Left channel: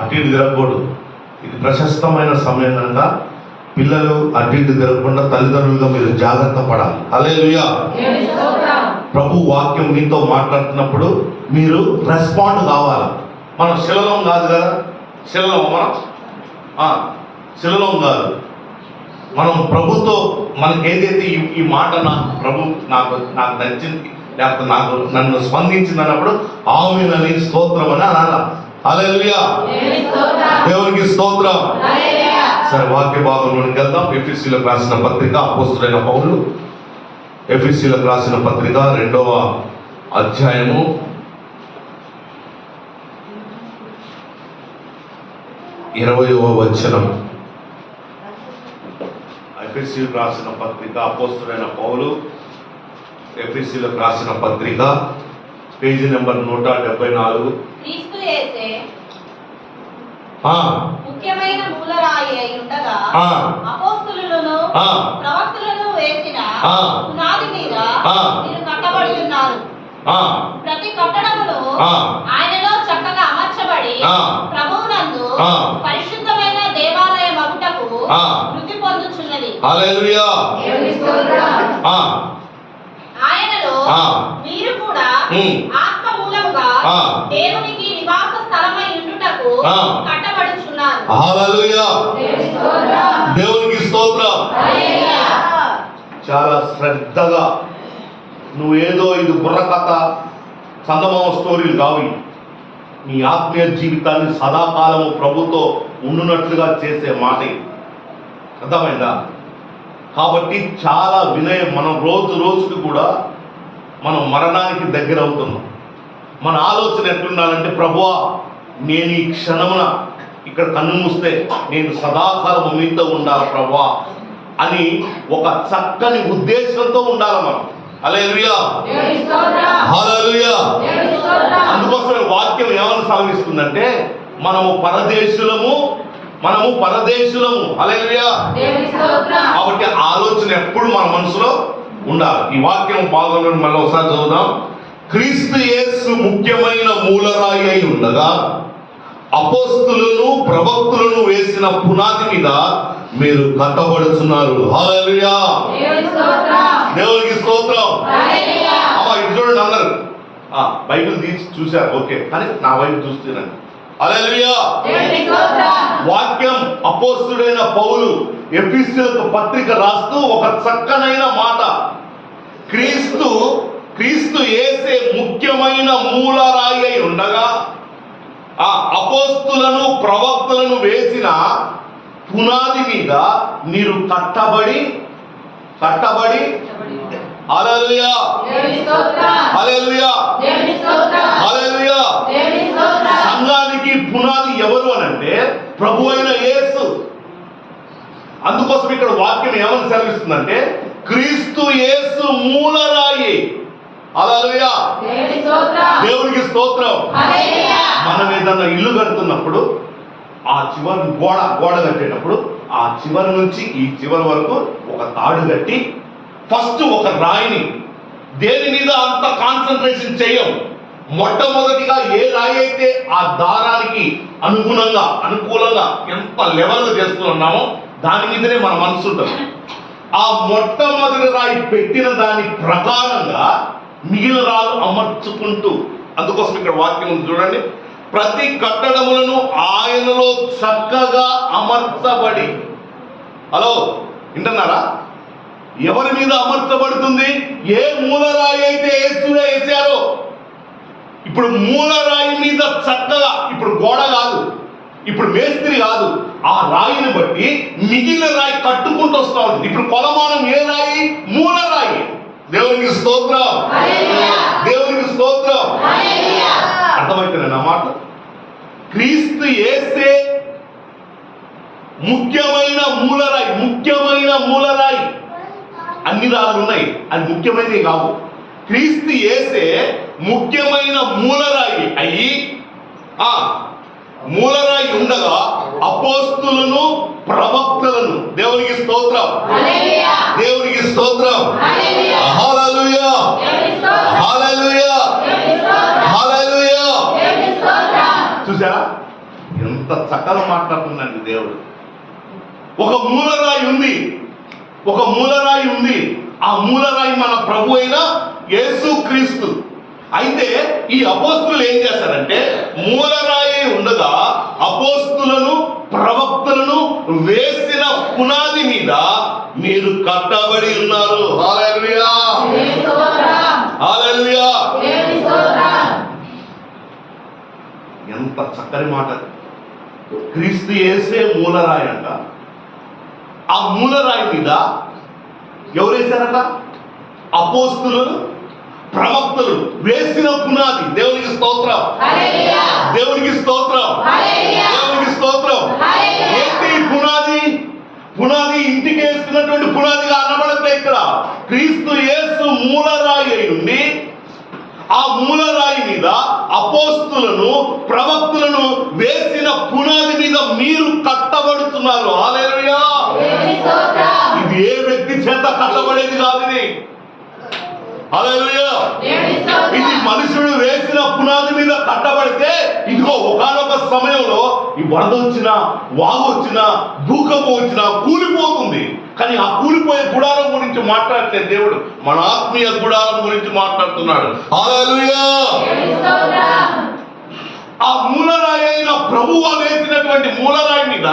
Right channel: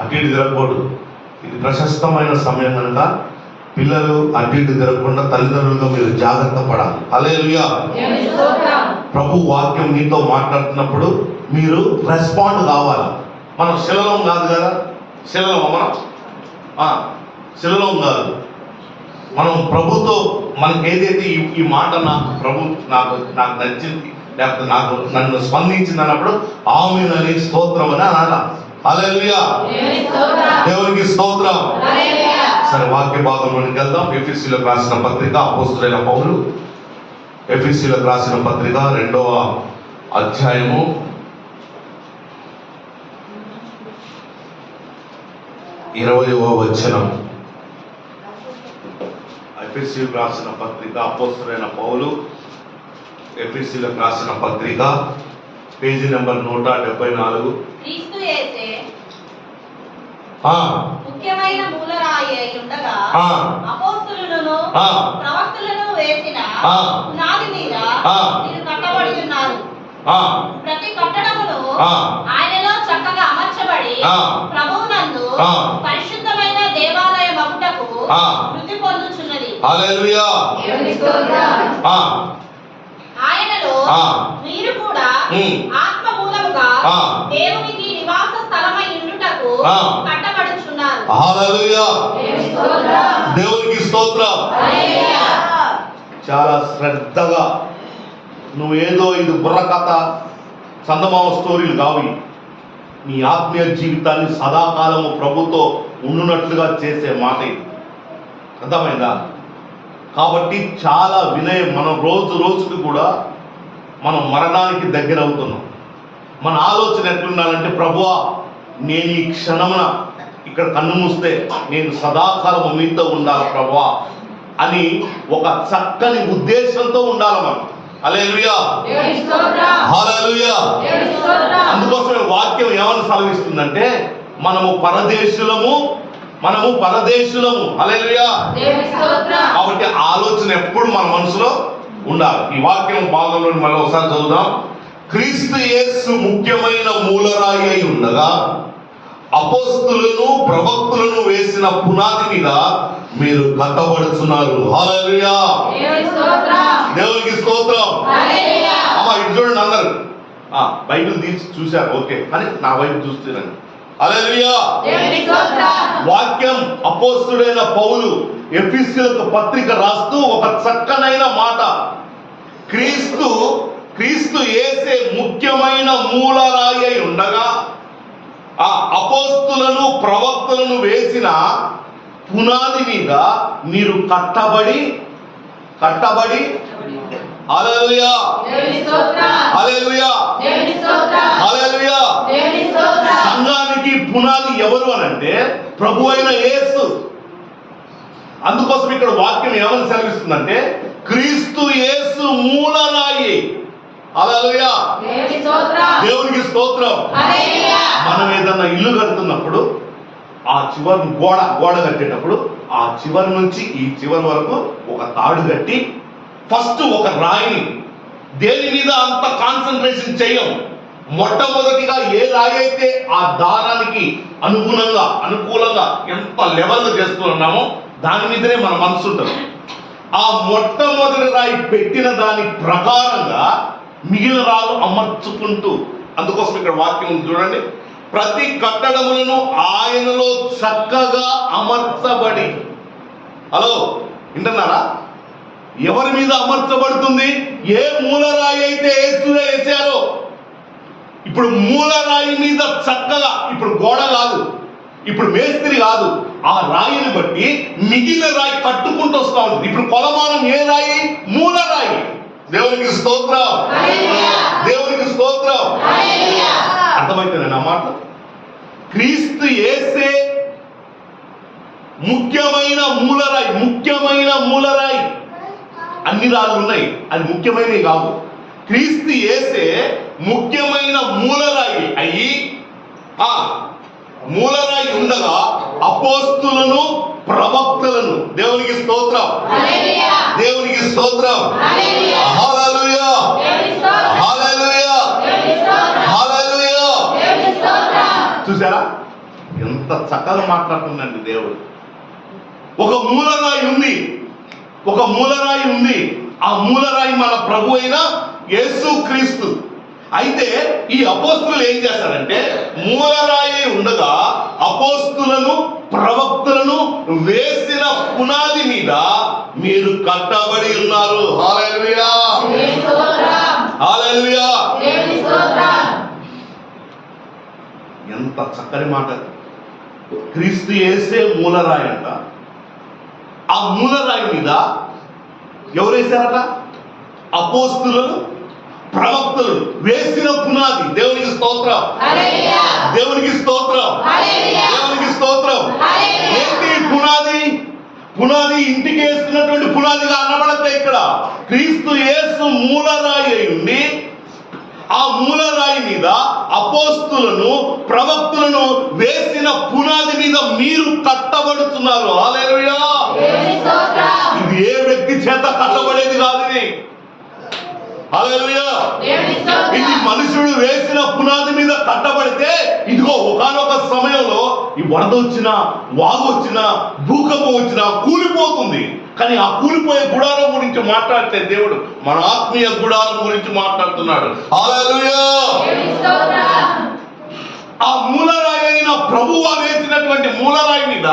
అటు ఇటు తిరగకూడదు. ఇది ప్రశస్తమైన సమయం కనుక పిల్లలు అటు ఇటు తిరగకుండా తల్లిదండ్రులుగా మీరు జాగ్రత్త పడాలి. హల్లెలూయా. ప్రభు వాక్యం మీతో మాట్లాడుతున్నప్పుడు మీరు రెస్పాండ్ కావాలి. మనం శిలలం కాదు కదా, శిలలం మనం శిలలం కాదు. మనం ప్రభుతో మనకి ఏదైతే ఈ మాట నాకు నచ్చింది, లేకపోతే నన్ను స్పందించింది అన్నప్పుడు ఆమేనని స్తోత్రం అని అనాలా. హల్లెలూయా. దేవునికి స్తోత్రం. సరే, వాక్య భాగంలోకి వెళ్దాం. ఎఫెసీయులకు రాసిన పత్రిక, అపోస్తలుడైన పౌలు ఎఫెసీయులకు రాసిన పత్రిక 2వ అధ్యాయము 20వ వచనం. ఎఫెసీయులకు రాసిన పత్రిక, అపోస్తలుడైన పౌలు ఎఫెసీయులకు రాసిన పత్రిక, పేజీ నెంబర్ 174. క్రీస్తు యేసే ముఖ్యమైన మూలరాయి అయి ఉండగా అపోస్తలులను ప్రవక్తలను వేసిన పునాది మీద మీరు కట్టబడి ఉన్నారు. ప్రతి కట్టడమును ఆయనలో చక్కగా అమర్చబడి ప్రభువునందు పరిశుద్ధమైన దేవాలయ మగుటకు వృద్ధి పొందుచున్నది. హల్లెలూయా. ఆయనలో మీరు కూడా ఆత్మ మూలముగా దేవునికి నివాస స్థలమై ఉండుటకు కట్టబడుచున్నారు. హల్లెలూయా. దేవునికి స్తోత్రం. చాలా శ్రద్ధగా, నువ్వేదో ఇది బుర్రకథ చందమామ స్టోరీలు కావి, నీ ఆత్మీయ జీవితాన్ని సదాకాలము ప్రభుతో ఉండునట్లుగా చేసే మాట ఇది. అర్థమైందా? కాబట్టి చాలా వినయం. మనం రోజు రోజుకి కూడా మనం మరణానికి దగ్గర అవుతున్నాం. మన ఆలోచన ఎట్లుండాలంటే, ప్రభువా నేను ఈ క్షణమున ఇక్కడ కన్ను మూస్తే నేను సదాకాలం మీతో ఉండాలి ప్రభువా అని ఒక చక్కని ఉద్దేశంతో ఉండాలి మనం. హల్లెలూయా. హల్లెలూయా. అందుకోసమే వాక్యం ఏమని సెలవిస్తుందంటే, మనము పరదేశులము. హల్లెలూయా. కాబట్టి ఆలోచన ఎప్పుడు మన మనసులో ఉండాలి. ఈ వాక్యం భాగంలో మళ్ళీ ఒకసారి చదువుదాం. క్రీస్తు యేసు ముఖ్యమైన మూలరాయి అయి ఉండగా అపోస్తలులను ప్రవక్తలను వేసిన పునాది మీద మీరు కట్టబడుతున్నారు. హల్లెలూయా. దేవునికి స్తోత్రం. అమ్మా ఇటు చూడండి అందరు. బైబిల్ తీసి చూశారు, ఓకే, కానీ నా వైపు చూస్తున్నాను. హల్లెలూయా. వాక్యం అపోస్తలుడైన పౌలు ఎఫెసీయులకు పత్రిక రాస్తూ ఒక చక్కనైన మాట, క్రీస్తు యేసే ముఖ్యమైన మూలరాయి అయి ఉండగా ఆ అపోస్తలులను ప్రవక్తలను వేసిన పునాది మీద మీరు కట్టబడి హల్లెలూయా. హల్లెలూయా. హల్లెలూయా. సంఘానికి పునాది ఎవరు అని అంటే ప్రభు అయిన యేసు. అందుకోసం ఇక్కడ వాక్యం ఏమని సెలవిస్తుందంటే, క్రీస్తు యేసు మూలరాయి. హల్లెలూయా. దేవునికి స్తోత్రం. మనం ఏదన్నా ఇల్లు కడుతున్నప్పుడు ఆ చివరి గోడ కట్టేటప్పుడు ఆ చివరి నుంచి ఈ చివరి వరకు ఒక తాడు కట్టి ఫస్ట్ ఒక రాయిని, దేని మీద అంత కాన్సన్ట్రేషన్ చేయం, మొట్టమొదటిగా ఏ రాయి అయితే ఆ దారానికి అనుకూలంగా ఎంత లెవెల్ చేస్తున్నామో దాని మీదనే మన మనసు ఉంటుంది. ఆ మొట్టమొదటి రాయి పెట్టిన దాని ప్రకారంగా మిగిలిన రాళ్ళు అమర్చుకుంటూ, అందుకోసం ఇక్కడ వాక్యం ఉంది చూడండి, ప్రతి కట్టడములను ఆయనలో చక్కగా అమర్చబడి. హలో, వింటున్నారా? ఎవరి మీద అమర్చబడుతుంది? ఏ మూలరాయి అయితే యేసులో వేశారో, ఇప్పుడు మూలరాయి మీద చక్కగా, ఇప్పుడు గోడ కాదు, ఇప్పుడు మేస్త్రి కాదు, ఆ రాయిని బట్టి మిగిలిన రాయి కట్టుకుంటూ వస్తా ఉంది. ఇప్పుడు కొలమానం ఏ రాయి? మూలరాయి. దేవునికి స్తోత్రం. దేవునికి స్తోత్రం. అర్థమైతే నా మాట? క్రీస్తు యేసే ముఖ్యమైన మూలరాయి. అన్ని రాళ్ళు ఉన్నాయి, అది ముఖ్యమైనవి కావు. క్రీస్తు యేసే ముఖ్యమైన మూలరాయి అయ్యి మూలరాయి ఉండగా అపోస్తలులను ప్రవక్తలను. దేవునికి స్తోత్రం. దేవునికి స్తోత్రం. హల్లెలూయా. హల్లెలూయా. హల్లెలూయా. చూసారా? ఎంత చక్కగా మాట్లాడుతుందండి దేవుడు. ఒక మూలరాయి ఉంది, ఒక మూలరాయి ఉంది. ఆ మూలరాయి మన ప్రభు అయిన యేసు క్రీస్తు. అయితే ఈ అపోస్తులు ఏం చేస్తారంటే, మూలరాయి ఉండగా అపోస్తులను ప్రవక్తలను వేసిన పునాది మీద మీరు కట్టబడి ఉన్నారు. హల్లెలూయా, హల్లెలూయా. ఎంత చక్కని మాట. క్రీస్తు యేసే మూలరాయి అంట. ఆ మూలరాయి మీద ఎవరు వేశారట? అపోస్తులను ప్రవక్తలు వేసిన పునాది. దేవునికి స్తోత్రం, దేవునికి స్తోత్రం, దేవునికి స్తోత్రం. ఏంటి పునాది? పునాది ఇంటికి వేస్తున్నటువంటి పునాదిగా అనబడతాయి ఇక్కడ. క్రీస్తు యేసు మూలరాయి అయి ఉండి ఆ మూలరాయి మీద అపోస్తులను ప్రవక్తలను వేసిన పునాది మీద మీరు కట్టబడుతున్నారు. హల్లెలూయా. ఇది ఏ వ్యక్తి చేత కట్టబడేది కాదు. ఇది హల్లెలూయా. ఇది మనుషుడు వేసిన పునాది మీద కట్టబడితే ఇదిగో ఒకానొక సమయంలో ఈ వరద వచ్చినా, వాగు వచ్చినా, భూకంపం వచ్చినా కూలిపోతుంది. కానీ ఆ కూలిపోయే గుడారం గురించి మాట్లాడితే దేవుడు మన ఆత్మీయ గుడారం గురించి మాట్లాడుతున్నాడు. హల్లెలూయా. ఆ మూలరాయి అయిన ప్రభువు వేసినటువంటి మూలరాయి మీద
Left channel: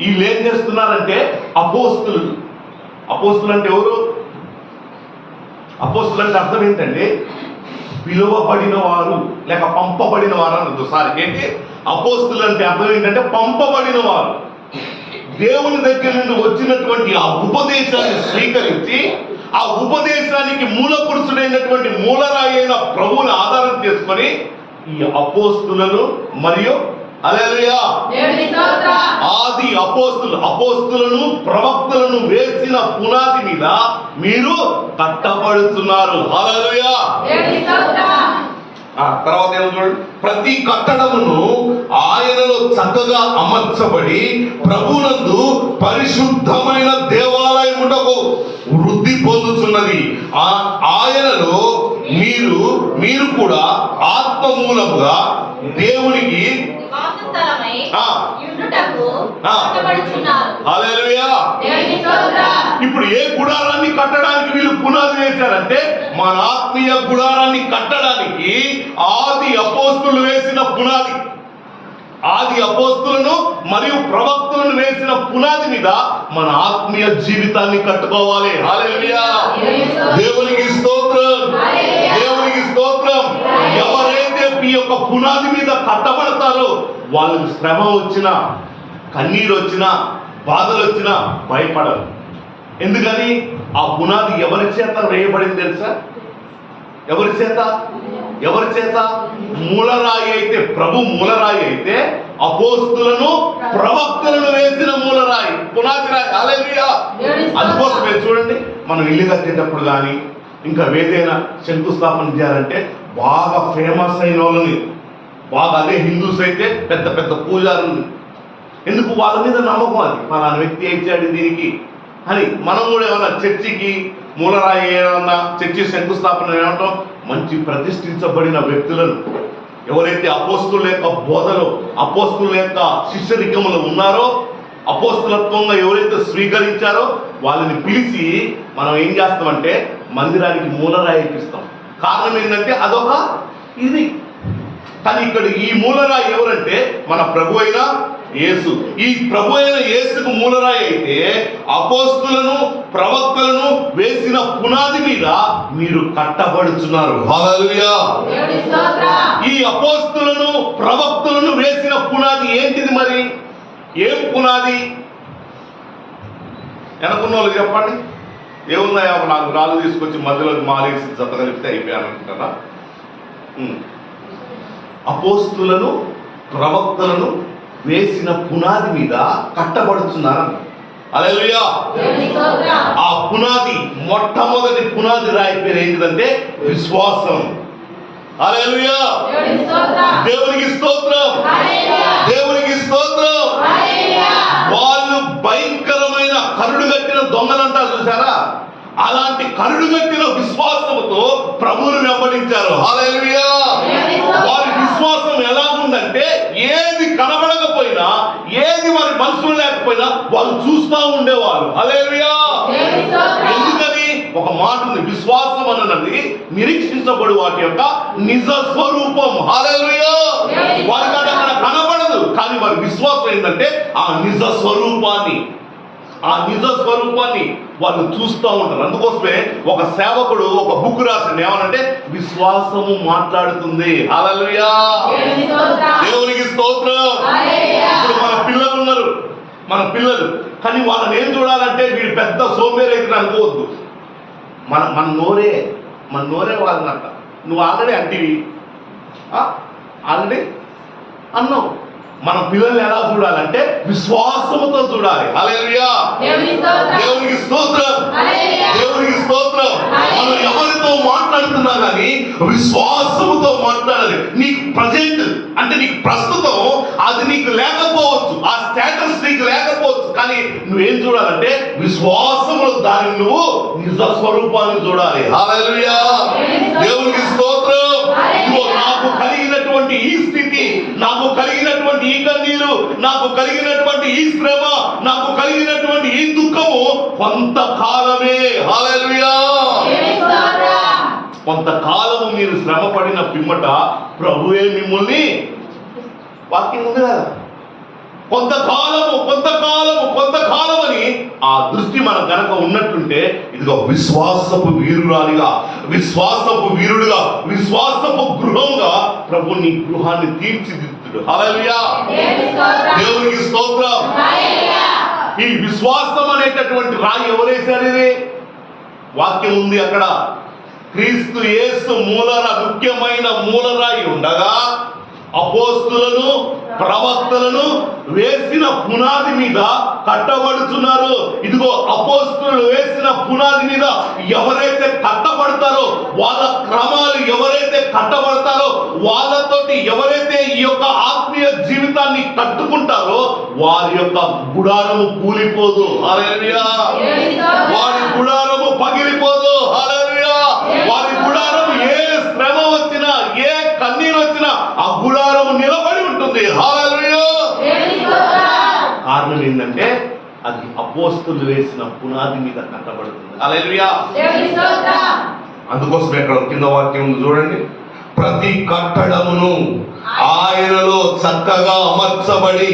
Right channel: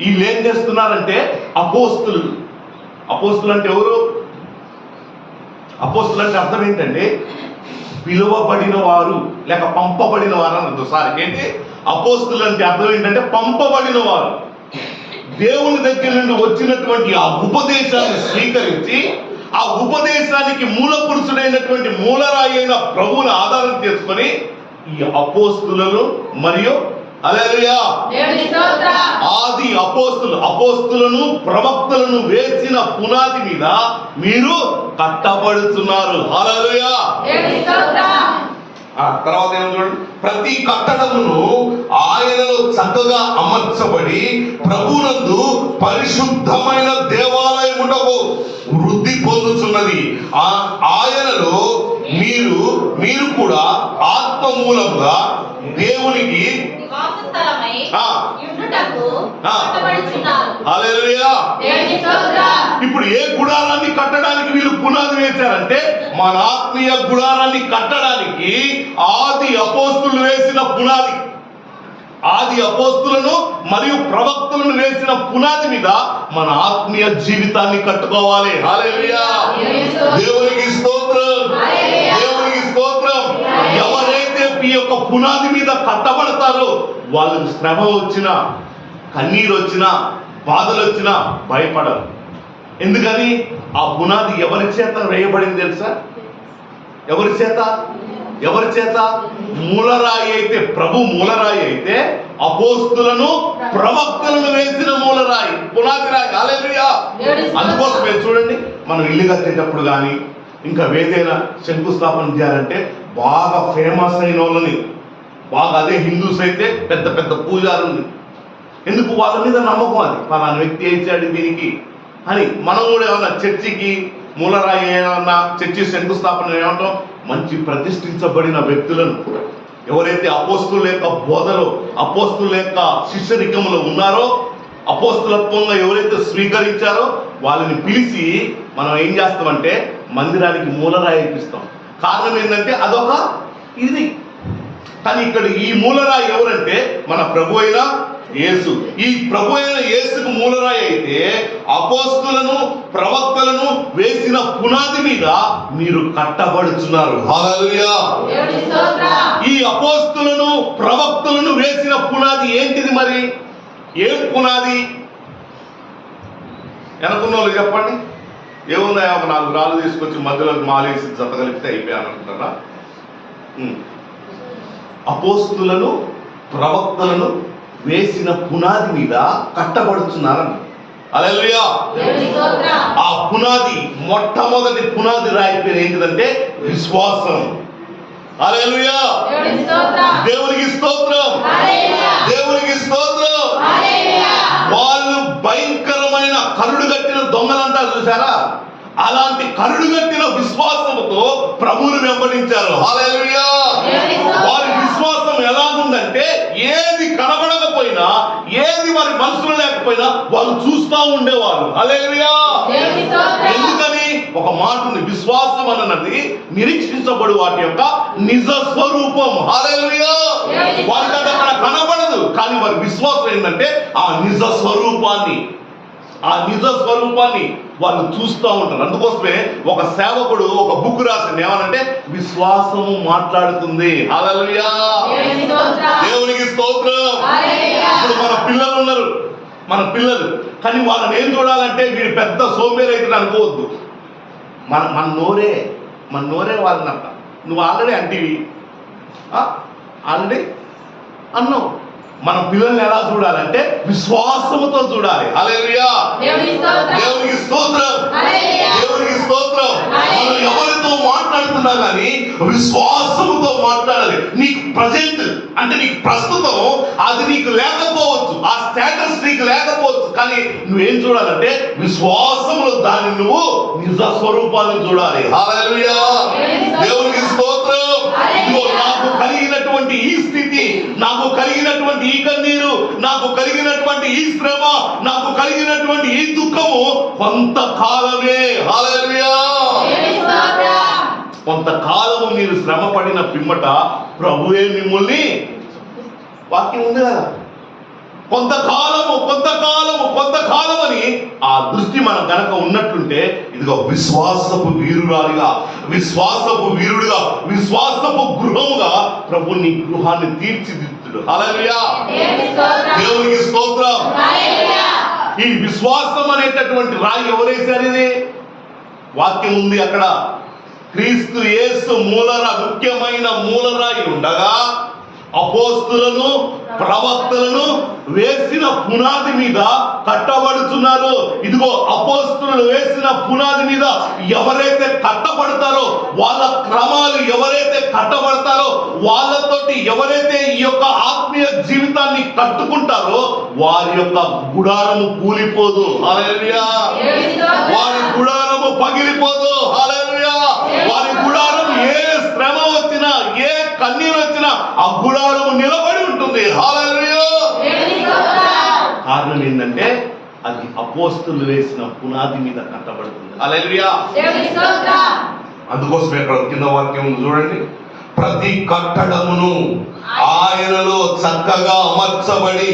వీళ్ళు ఏం చేస్తున్నారంటే అపోస్తులు. అపోస్తులు అంటే ఎవరు? అపోస్తులు అంటే అర్థం ఏంటంటే పిలువబడిన వారు లేక పంపబడిన వారు అన్నది. సారీ, ఏంటి అపోస్తులు అంటే అర్థం ఏంటంటే పంపబడిన వారు. దేవుని దగ్గర నుండి వచ్చినటువంటి ఆ ఉపదేశాన్ని స్వీకరించి ఆ ఉపదేశానికి మూల పురుషుడైనటువంటి మూలరాయి అయిన ప్రభువుని ఆధారం చేసుకొని ఈ అపోస్తులను మరియు హల్లెలూయా ఆది అపోస్తులను ప్రవక్తలను వేసిన పునాది మీద మీరు కట్టబడుతున్నారు. హల్లెలూయా. తర్వాత ఏమో చూడండి, ప్రతి కట్టడమును ఆయనలో చక్కగా అమర్చబడి ప్రభునందు పరిశుద్ధమైన దేవాలయమునకు వృద్ధి పొందుతున్నది. ఆయనలో మీరు కూడా ఆత్మ మూలముగా దేవునికి హల్లెలూయా. ఇప్పుడు ఏ గుడారాన్ని కట్టడానికి వీళ్ళు పునాది వేశారంటే మన ఆత్మీయ గుడారాన్ని కట్టడానికి ఆది అపోస్తులు వేసిన పునాది. ఆది అపోస్తులను మరియు ప్రవక్తలను వేసిన పునాది మీద మన ఆత్మీయ జీవితాన్ని కట్టుకోవాలి. హల్లెలూయా. దేవునికి స్తోత్రం, దేవునికి స్తోత్రం. ఎవరైతే ఈ యొక్క పునాది మీద కట్టబడతారో వాళ్ళకి శ్రమ వచ్చినా, కన్నీరు వచ్చినా, బాధలు వచ్చినా భయపడరు. ఎందుకని? ఆ పునాది ఎవరి చేత వేయబడింది తెలుసా? ఎవరి చేత? ఎవరి చేత? మూలరాయి అయితే, ప్రభు మూలరాయి అయితే అపోస్తులను ప్రవక్తలను వేసిన మూలరాయి, పునాది రాయి. హల్లెలూయా. అందుకోసమే చూడండి, మనం ఇల్లు కట్టేటప్పుడు కానీ ఇంకా ఏదైనా శంకుస్థాపన చేయాలంటే బాగా ఫేమస్ అయిన వాళ్ళని, బాగా అదే హిందూస్ అయితే పెద్ద పెద్ద పూజారుని, ఎందుకు? వాళ్ళ మీద నమ్మకం. అది పలానా వ్యక్తి ఇచ్చాడు దీనికి అని. మనం కూడా ఏమన్నా చర్చికి మూలరాయి ఏమన్నా చర్చి శంకుస్థాపన ఏమంటాం? మంచి ప్రతిష్ఠించబడిన వ్యక్తులను, ఎవరైతే అపోస్తుల యొక్క బోధలో, అపోస్తుల యొక్క శిష్యరికములు ఉన్నారో, అపోస్తులత్వంగా ఎవరైతే స్వీకరించారో వాళ్ళని పిలిచి మనం ఏం చేస్తామంటే మందిరానికి మూలరాయి ఎక్కిస్తాం. కారణం ఏంటంటే అదొక ఇది. కానీ ఇక్కడ ఈ మూలరాయి ఎవరంటే మన ప్రభు అయిన యేసు. ఈ ప్రభు అయిన యేసుకు మూలరాయి అయితే అపోస్తులను ప్రవక్తలను వేసిన పునాది మీద మీరు కట్టబడుతున్నారు. హల్లెలూయా. ఈ అపోస్తులను ప్రవక్తలను వేసిన పునాది ఏంటిది? మరి ఏం పునాది? వెనుకున్న వాళ్ళు చెప్పండి. ఏమున్నాయా? ఒక 4 రాళ్ళు తీసుకొచ్చి మధ్యలో మాలేసి జత కలిపితే అయిపోయాను అనుకుంటారా? అపోస్తులను ప్రవక్తలను వేసిన పునాది మీద కట్టబడుతున్నారు. హల్లెలూయా. ఆ పునాది, మొట్టమొదటి పునాది రాయి పేరు ఏంటిదంటే విశ్వాసం. హల్లెలూయా. దేవునికి స్తోత్రం, దేవునికి స్తోత్రం. వాళ్ళు భయంకరమైన కరుడు కట్టిన దొంగలు అంటారు చూసారా? అలాంటి కరుడు కట్టిన విశ్వాసముతో ప్రభువుని వెంబడించారు. హల్లెలూయా. వారి విశ్వాసం ఎలాగుందంటే ఏది కనబడకపోయినా, ఏది వారి మనసులో లేకపోయినా వాళ్ళు చూస్తూ ఉండేవాళ్ళు. హల్లెలూయా. ఎందుకని? ఒక మాట ఉంది, విశ్వాసం అన్నది నిరీక్షించబడు వాటి యొక్క నిజ స్వరూపం. హల్లెలూయా. వారికి అది అక్కడ కనబడదు, కానీ వారి విశ్వాసం ఏంటంటే ఆ నిజ స్వరూపాన్ని వాళ్ళు చూస్తూ ఉంటారు. అందుకోసమే ఒక సేవకుడు ఒక బుక్ రాసింది, ఏమనంటే విశ్వాసము మాట్లాడుతుంది. హల్లెలూయా. దేవునికి స్తోత్రం. ఇప్పుడు మన పిల్లలు ఉన్నారు, మన పిల్లలు, కానీ వాళ్ళని ఏం చూడాలంటే వీడు పెద్ద సోంబేరి అయితే అనుకోవద్దు. మన నోరే వాళ్ళనంట. నువ్వు ఆల్రెడీ అంటివి, ఆల్రెడీ అన్నావు. మన పిల్లల్ని ఎలా చూడాలంటే విశ్వాసముతో చూడాలి. హల్లెలూయా. దేవునికి స్తోత్రం. దేవునికి స్తోత్రం. మనం ఎవరితో మాట్లాడుతున్నా కానీ విశ్వాసముతో మాట్లాడాలి. నీకు ప్రజెంట్ అంటే నీకు ప్రస్తుతం అది నీకు లేకపోవచ్చు, ఆ స్టేటస్ నీకు లేకపోవచ్చు, కానీ నువ్వేం చూడాలంటే విశ్వాసములో దాన్ని నువ్వు నిజ స్వరూపాలను చూడాలి. హల్లెలూయా. దేవునికి స్తోత్రం. నాకు కలిగినటువంటి ఈ స్థితి, నాకు కలిగినటువంటి ఈ కన్నీరు, నాకు కలిగినటువంటి ఈ శ్రమ, నాకు కలిగినటువంటి ఈ దుఃఖము కొంతకాలమే. హల్లెలూయా. కొంతకాలము మీరు శ్రమ పడిన పిమ్మట ప్రభువే మిమ్మల్ని, వాక్యం ఉంది కదా, కొంతకాలము అని ఆ దృష్టి మన గనక ఉన్నట్టుంటే, ఇదిగో విశ్వాసపు వీరురాలిగా, విశ్వాసపు వీరుడిగా, విశ్వాసపు గృహముగా ప్రభు నీ గృహాన్ని తీర్చిదిద్దుడు. హల్లెలూయా. దేవునికి స్తోత్రం. ఈ విశ్వాసం అనేటటువంటి రాయి ఎవరేశారు? ఇది వాక్యం ఉంది అక్కడ. క్రీస్తు యేసు ముఖ్యమైన మూలరాయి ఉండగా అపోస్తులను ప్రవక్తలను వేసిన పునాది మీద కట్టబడుతున్నారు. ఇదిగో అపోస్తులు వేసిన పునాది మీద ఎవరైతే కట్టబడతారో, వాళ్ళ క్రమాలు ఎవరైతే కట్టబడతారో, వాళ్ళతోటి ఎవరైతే ఈ యొక్క ఆత్మీయ జీవితాన్ని కట్టుకుంటారో వారి యొక్క గుడారము కూలిపోదు. హల్లెలూయా. వారి గుడారము పగిలిపోదు. హల్లెలూయా. వారి గుడారము ఏ శ్రమ వచ్చినా, ఏ కన్నీరు వచ్చినా ఆ గుడారము నిలబడి ఉంటుంది. హల్లెలూయా. కారణం ఏంటంటే అది అపోస్తులు వేసిన పునాది మీద కట్టబడుతుంది. హల్లెలూయా. అందుకోసం ఇక్కడ కింద వాక్యం ఉంది చూడండి. ప్రతి కట్టడమును ఆయనలో చక్కగా అమర్చబడి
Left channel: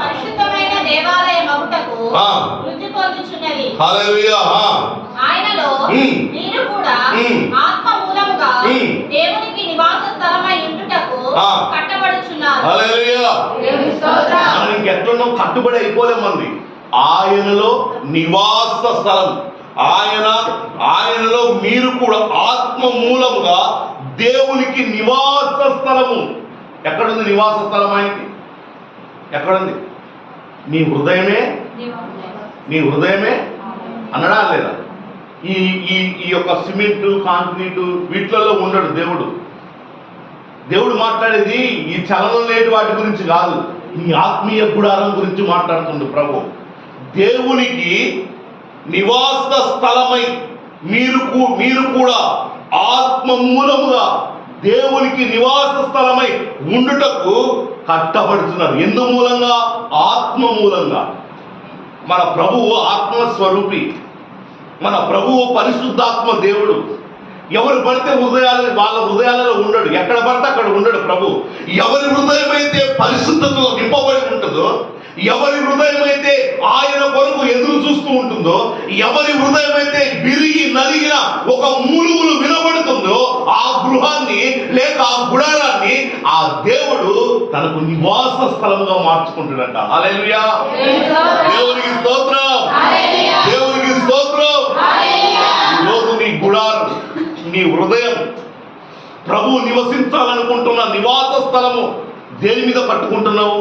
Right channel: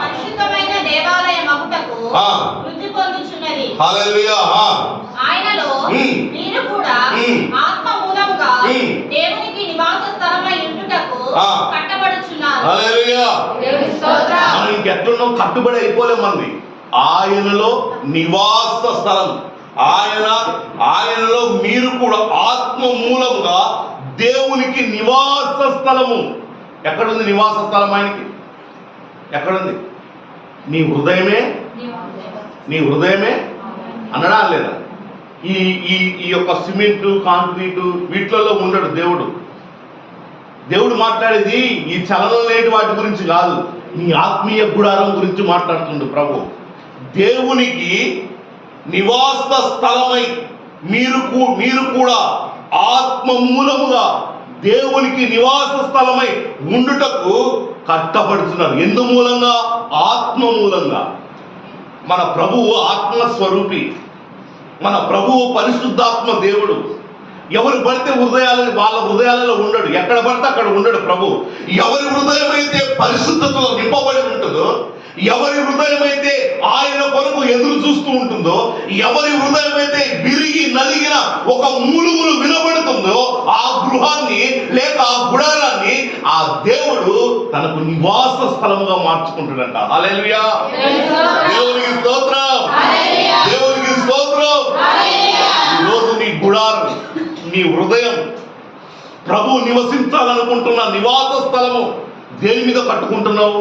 పరిశుద్ధమైన దేవాలయమగుటకు వృద్ధి పొందుచున్నది. హల్లెలూయా. ఆయనలో మీరు కూడా ఆత్మ మూలముగా దేవునికి నివాస స్థలమై ఉండుటకు కట్టబడుచున్నారు. హల్లెలూయా. మనం ఇంకెట్లున్నాం? కట్టుబడి అయిపోలేం. మంది ఆయనలో నివాస స్థలం, ఆయనలో మీరు కూడా ఆత్మ మూలముగా దేవునికి నివాస స్థలము. ఎక్కడుంది నివాస స్థలం? ఆయనకి ఎక్కడుంది? నీ హృదయమే అనడా లేదా? ఈ యొక్క సిమెంట్, కాంక్రీటు వీటిలలో ఉండడు దేవుడు. దేవుడు మాట్లాడేది ఈ చలనం లేని వాటి గురించి కాదు, నీ ఆత్మీయ గుడారం గురించి మాట్లాడుతుంది ప్రభు. దేవునికి నివాస స్థలమై మీరు కూడా ఆత్మ మూలముగా దేవునికి నివాస స్థలమై ఉండుటకు కట్టబడుతున్నారు. ఎందు మూలంగా? ఆత్మ మూలంగా. మన ప్రభువు ఆత్మస్వరూపి, మన ప్రభువు పరిశుద్ధాత్మ దేవుడు. ఎవరు పడితే వాళ్ళ హృదయాలలో ఉండడు, ఎక్కడ పడితే అక్కడ ఉండడు ప్రభు. ఎవరి హృదయం అయితే పరిశుద్ధతలో నింపబడి ఉంటుందో, ఎవరి హృదయం అయితే ఆయన కొరకు ఎదురు చూస్తూ ఉంటుందో, ఎవరి హృదయం అయితే విరిగి నలిగిన ఒక మూలుగులు వినబడుతుందో, ఆ గృహాన్ని లేక ఆ గుడారాన్ని ఆ దేవుడు తనకు నివాస స్థలంగా మార్చుకుంటాడంట. హల్లెలూయా. దేవునికి స్తోత్రం. దేవునికి స్తోత్రం. ఈరోజు నీ గుడారం, నీ హృదయం ప్రభు నివసించాలనుకుంటున్న నివాస స్థలము దేని మీద కట్టుకుంటున్నావు?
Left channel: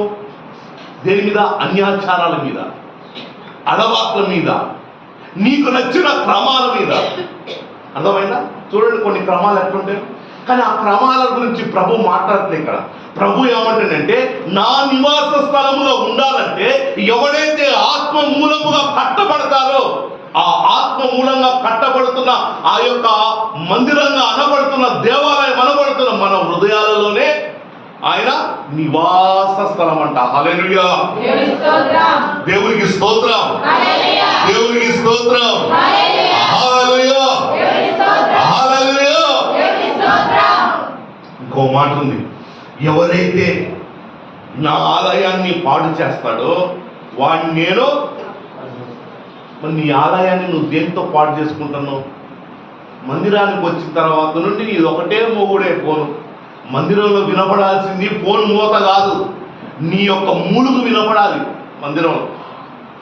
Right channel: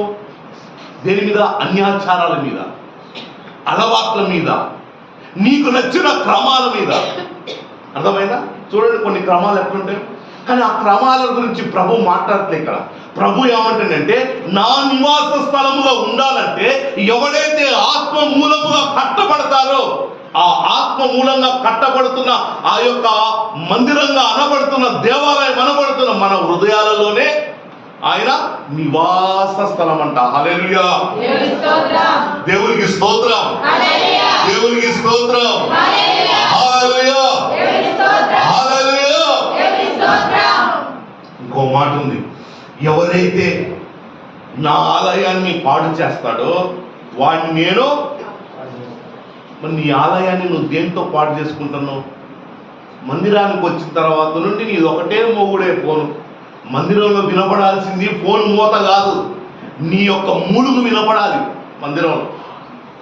దేని మీద? అన్యాచారాల మీద, అలవాట్ల మీద, నీకు నచ్చిన క్రమాల మీద. అర్థమైందా? చూడండి కొన్ని క్రమాలు ఎట్లుంటాయి, కానీ ఆ క్రమాల గురించి ప్రభు మాట్లాడితే ఇక్కడ ప్రభు ఏమంటాడంటే, నా నివాస స్థలంలో ఉండాలంటే ఎవరైతే ఆత్మ మూలముగా కట్టబడతారో ఆ ఆత్మ మూలంగా కట్టబడుతున్న ఆ యొక్క మందిరంగా అనబడుతున్న దేవాలయం అనబడుతున్న మన హృదయాలలోనే ఆయన నివాస స్థలం అంట. హల్లెలూయా, దేవునికి స్తోత్రం, దేవునికి స్తోత్రం, హల్లెలూయా, హల్లెలూయా. ఇంకో మాట ఉంది, ఎవరైతే నా ఆలయాన్ని పాడు చేస్తాడో వాడిని నేను. మరి నీ ఆలయాన్ని నువ్వు దేంతో పాడు చేసుకుంటున్నావు? మందిరానికి వచ్చిన తర్వాత నుండి నీది ఒకటే మొగుడే ఫోను. మందిరంలో వినపడాల్సింది ఫోన్ మూత కాదు, నీ యొక్క మూలుగు వినపడాలి. మందిరంలో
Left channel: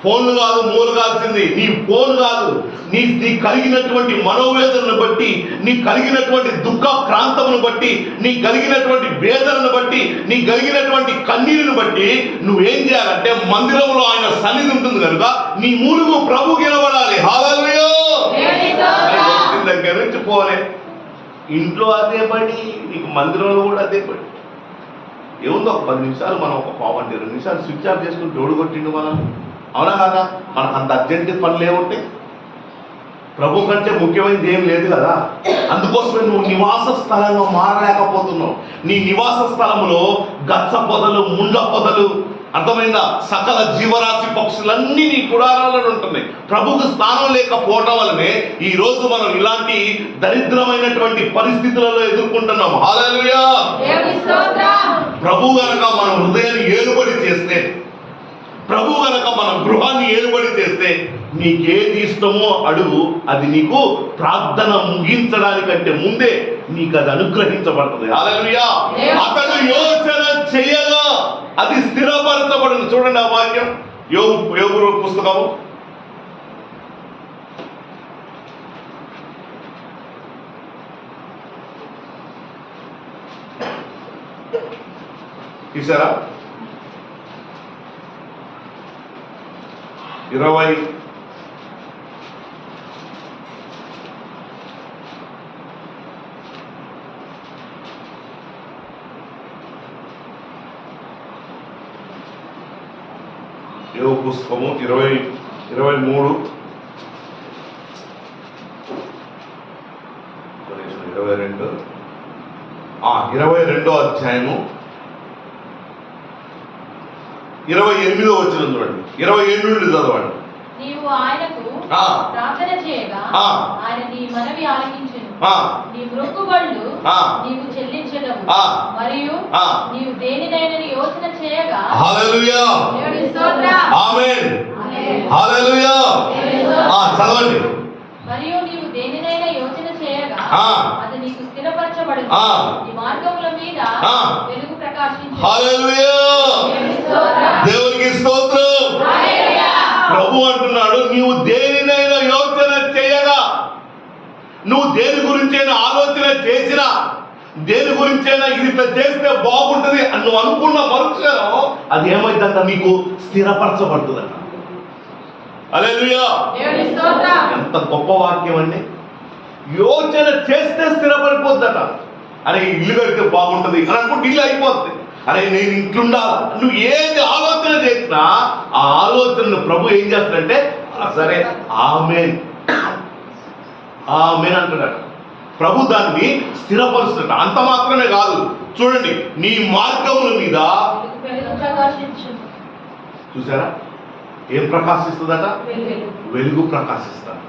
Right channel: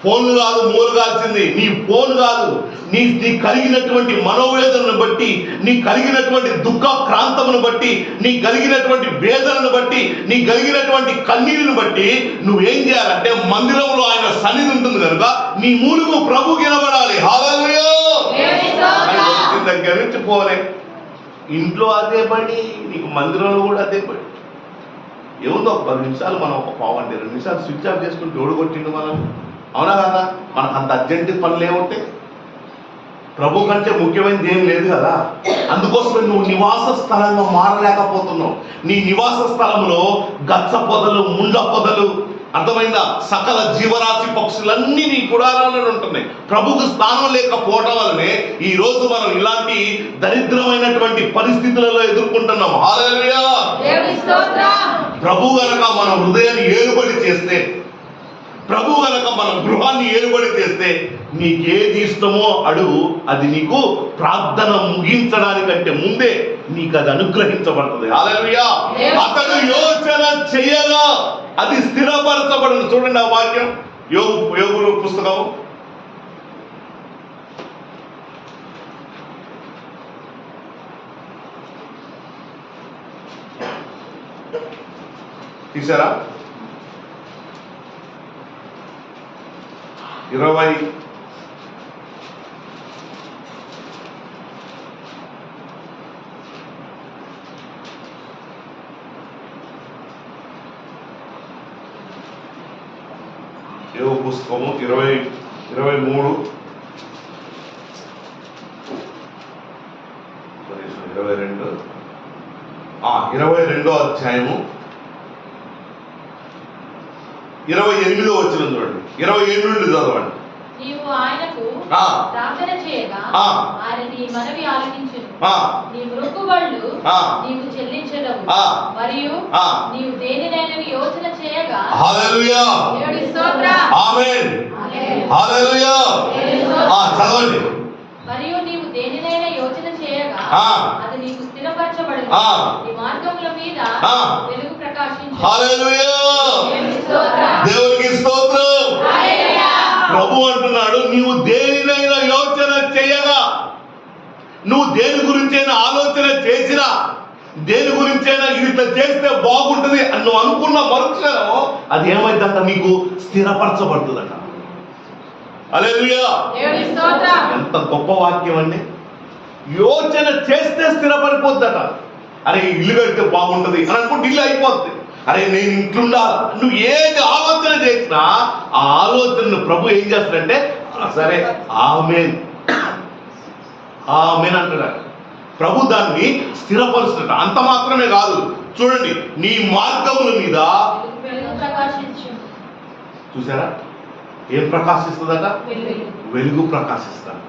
ఫోన్లు కాదు మూలగాల్సింది, నీ ఫోన్ కాదు. నీ కలిగినటువంటి మనోవేదనను బట్టి, నీ కలిగినటువంటి దుఃఖ క్రాంతమును బట్టి, నీ కలిగినటువంటి వేదనను బట్టి, నీ కలిగినటువంటి కన్నీరును బట్టి నువ్వేం చేయాలంటే మందిరంలో ఆయన సన్నిధి ఉంటుంది కనుక నీ మూలుగు ప్రభువుకి వినబడాలి. హల్లెలూయా. వచ్చిన దగ్గర నుంచి పోలే, ఇంట్లో అదే పని, నీకు మందిరంలో కూడా అదే పని. ఏముందో ఒక 10 నిమిషాలు మనం ఒక పావు 2 నిమిషాలు స్విచ్ ఆఫ్ చేసుకుని జోడు కొట్టిండు మనం. అవునా కదా? మనకు అంత అర్జెంట్ పనులు ఏముంటాయి? ప్రభు కంటే ముఖ్యమైనది ఏం లేదు కదా. అందుకోసమే నువ్వు నివాస స్థలంగా మారలేకపోతున్నావు. నీ నివాస స్థలంలో గచ్చ పొదలు, ముండ్ల పొదలు, అర్థమైందా, సకల జీవరాశి పక్షులన్నీ నీ గుడారాలలో ఉంటున్నాయి. ప్రభుకు స్థానం లేకపోవటం వల్లనే ఈ రోజు మనం ఇలాంటి దరిద్రమైనటువంటి పరిస్థితులలో ఎదుర్కొంటున్నాం. హల్లెలూయా. ప్రభు గనక మన హృదయాన్ని ఏలుబడి చేస్తే, ప్రభు గనక మన గృహాన్ని ఏలుబడి చేస్తే, నీకేది ఇష్టమో అడుగు, అది నీకు ప్రార్థన ముగించడానికంటే ముందే నీకు అది అనుగ్రహించబడుతుంది. హల్లెలూయా. అతడు యోచన చేయగా అది స్థిరపరచబడును. చూడండి ఆ వాక్యం, యోబు పుస్తకం తీసారా? 20 యోబు పుస్తకము 23 22వ అధ్యాయము 28వ వచనం చూడండి. 27 నుండి చదవండి. నీవు ఆయనకు ప్రార్థన చేయగా ఆయన నీ మనవి ఆలకించును. నీ మొక్కుబడులు నీవు చెల్లించడము మరియు నీవు దేనినైనా యోచన చేయగా. హల్లెలూయా. దేవుని స్తోత్రం. ఆమేన్. హల్లెలూయా. చదవండి. మరియు నీవు దేనినైనా యోచన చేయగా అది నీకు స్థిరపరచబడును. నీ మార్గముల మీద వెలుగు ప్రకాశించును. హల్లెలూయా. దేవునికి స్తోత్రం. ప్రభు అంటున్నాడు, నీవు దేనినైనా యోచన చేయగా, నువ్వు దేని గురించైనా ఆలోచన చేసినా, దేని గురించైనా ఇది చేస్తే బాగుంటుంది అని నువ్వు అనుకున్న మరుక్షణం అది ఏమైందంట, నీకు స్థిరపరచబడుతుందట. హల్లెలూయా. ఎంత గొప్ప వాక్యం అండి. యోచన చేస్తే స్థిరపడిపోద్దట. అరే ఇల్లు కడితే బాగుంటుంది అని అనుకుంటే ఇల్లు అయిపోద్ది. అరే నేను ఇంట్లుండాలి, నువ్వు ఏది ఆలోచన చేసినా ఆ ఆలోచనను ప్రభు ఏం చేస్తాడంటే సరే ఆమేన్ ఆమేన్ అంటున్నాడు. ప్రభు దాన్ని స్థిరపరుస్తాడు. అంత మాత్రమే కాదు, చూడండి, నీ మార్గముల మీద చూసారా ఏం ప్రకాశిస్తుందట? వెలుగు ప్రకాశిస్తాడు.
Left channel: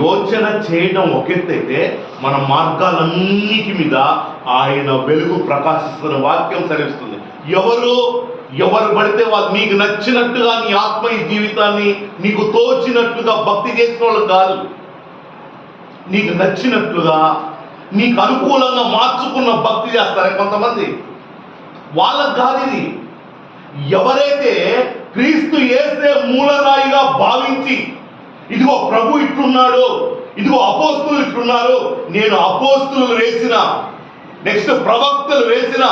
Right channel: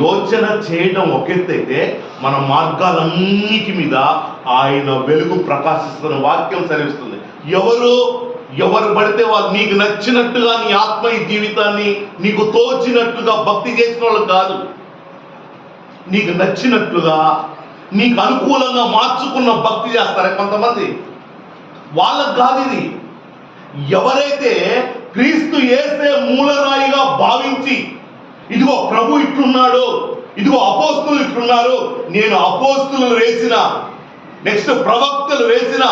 యోచన చేయడం ఒకెత్తైతే మన మార్గాలన్నిటి మీద ఆయన వెలుగు ప్రకాశిస్తున్న వాక్యం సెలవిస్తుంది. ఎవరు పడితే వాళ్ళు నీకు నచ్చినట్టుగా నీ ఆత్మీయ జీవితాన్ని నీకు తోచినట్టుగా భక్తి చేసిన వాళ్ళు కాదు. నీకు నచ్చినట్లుగా నీకు అనుకూలంగా మార్చుకున్న భక్తి చేస్తారే కొంతమంది, వాళ్ళకు కాదు ఇది. ఎవరైతే క్రీస్తు యేసే మూలరాయిగా భావించి, ఇదిగో ప్రభు ఇట్లున్నాడు, ఇదిగో అపోస్తులు ఇట్లున్నారు, నేను అపోస్తులు వేసిన నెక్స్ట్ ప్రవక్తలు వేసిన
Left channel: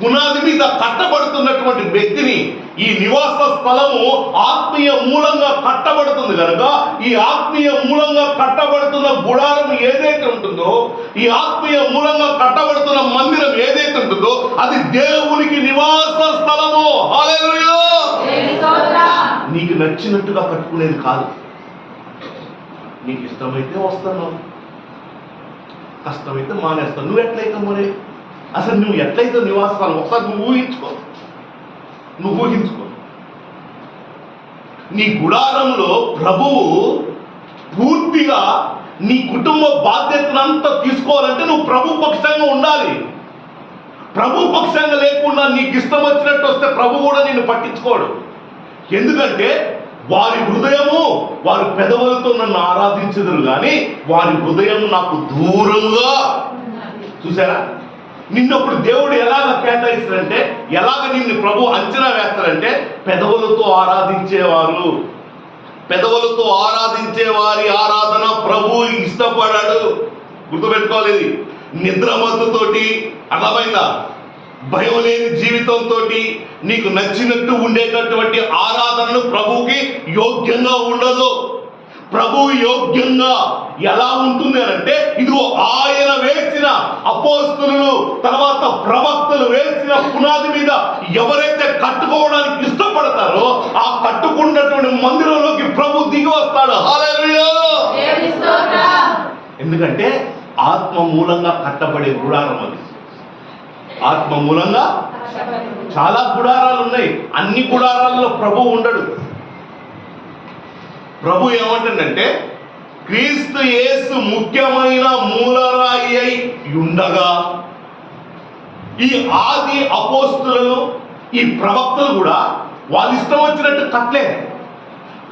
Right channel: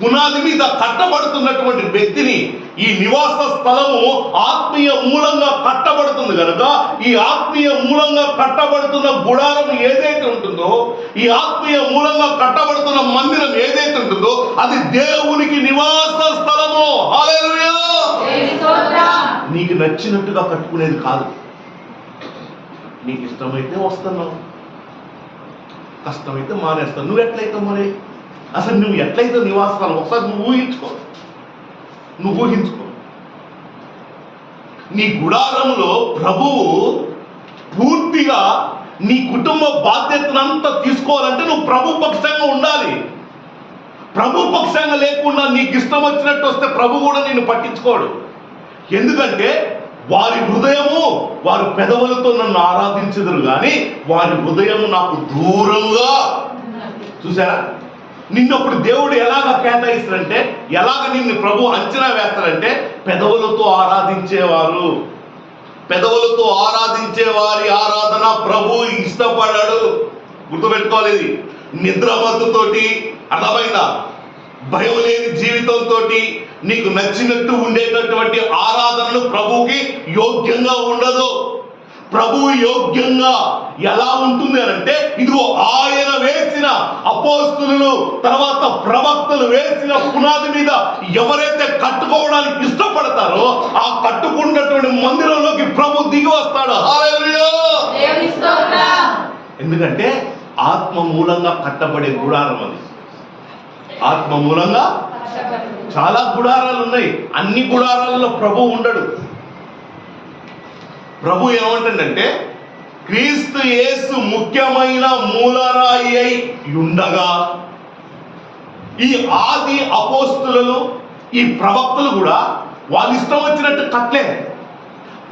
పునాది మీద కట్టబడుతున్నటువంటి వ్యక్తిని, ఈ నివాస స్థలము ఆత్మీయ మూలంగా కట్టబడుతుంది కనుక ఈ ఆత్మీయ మూలంగా కట్టబడుతున్న గుడారం ఏదైతే ఉంటుందో, ఈ ఆత్మీయ మూలంగా కట్టబడుతున్న మందిరం ఏదైతే ఉంటుందో అది దేవునికి నివాస స్థలము. హల్లెలూయా. నీకు నచ్చినట్టుగా కట్టుకునేది కాదు. నీకు ఇష్టమైతే వస్తున్నావు, కష్టమైతే మానేస్తావు. నువ్వు ఎట్లయితే మరి అసలు నువ్వు ఎట్లయితే నివాసాలు ఒకసారి నువ్వు ఊహించుకో. నీ గుడారంలో ప్రభువు పూర్తిగా నీ కుటుంబ బాధ్యతనంతా తీసుకోవాలంటే నువ్వు ప్రభు పక్షంగా ఉండాలి. ప్రభు పక్షంగా లేకుండా నీకు ఇష్టం వచ్చినట్టు వస్తే ప్రభు కూడా నిన్ను పట్టించుకోడు. ఎందుకంటే వారి హృదయము వారి పెదవులతో నన్ను ఆరాధించదురు కానీ వారి హృదయం నాకు దూరంగా. చూసారా, నిన్నప్పుడు దేవుడు ఎలాగ కేటాయిస్తాడంటే, ఎలాగ నిన్ను ప్రభు అంచనా వేస్తాడంటే, పెదవులతో ఆరాధించేవారు, పెదవులతో ఆరాధించే వారి ఆరాధన ప్రభు ఇష్టపడాడు. గుర్తుపెట్టుకోవాలి. ఇది నిద్రమత్తుతోటి, అర్థమైందా, భయం లేని జీవితంతో నీకు నచ్చినట్టు ఉండేటటువంటి ఆరాధనలు ప్రభువుకి యోగ్యంగా ఉండదు. ప్రభువు యోగ్యంగా ఎలా ఉంటుంది అంటే, ఇదిగో ఆయన వేసిన అపోస్తలులు తర్వాత ప్రవక్తలు వేసిన పునాది మీద ఎవరైతే కట్టుకోవడానికి ఇష్టపడతారో ఆ కట్టుకున్నటువంటి మందిరంలోకి ప్రభు దిగి వస్తాడు. హల్లెలూయా. ఎందుకంటే ఆత్మ మూలంగా కట్టబడే గుడారం అది. ఆత్మ మూలంగా చాలా గుడారాలు ఉన్నాయి. అన్ని గుడారాల్లో ప్రభు ఉండడు. ప్రభు ఏమంటుందంటే, క్రీస్తు యేసు ముఖ్యమైన మూలరాయి అయి ఉండగా ఈ ఆది అపోస్తులు ఈ ప్రవక్తలు కూడా వాళ్ళు ఇష్టం వచ్చినట్టు కట్లే,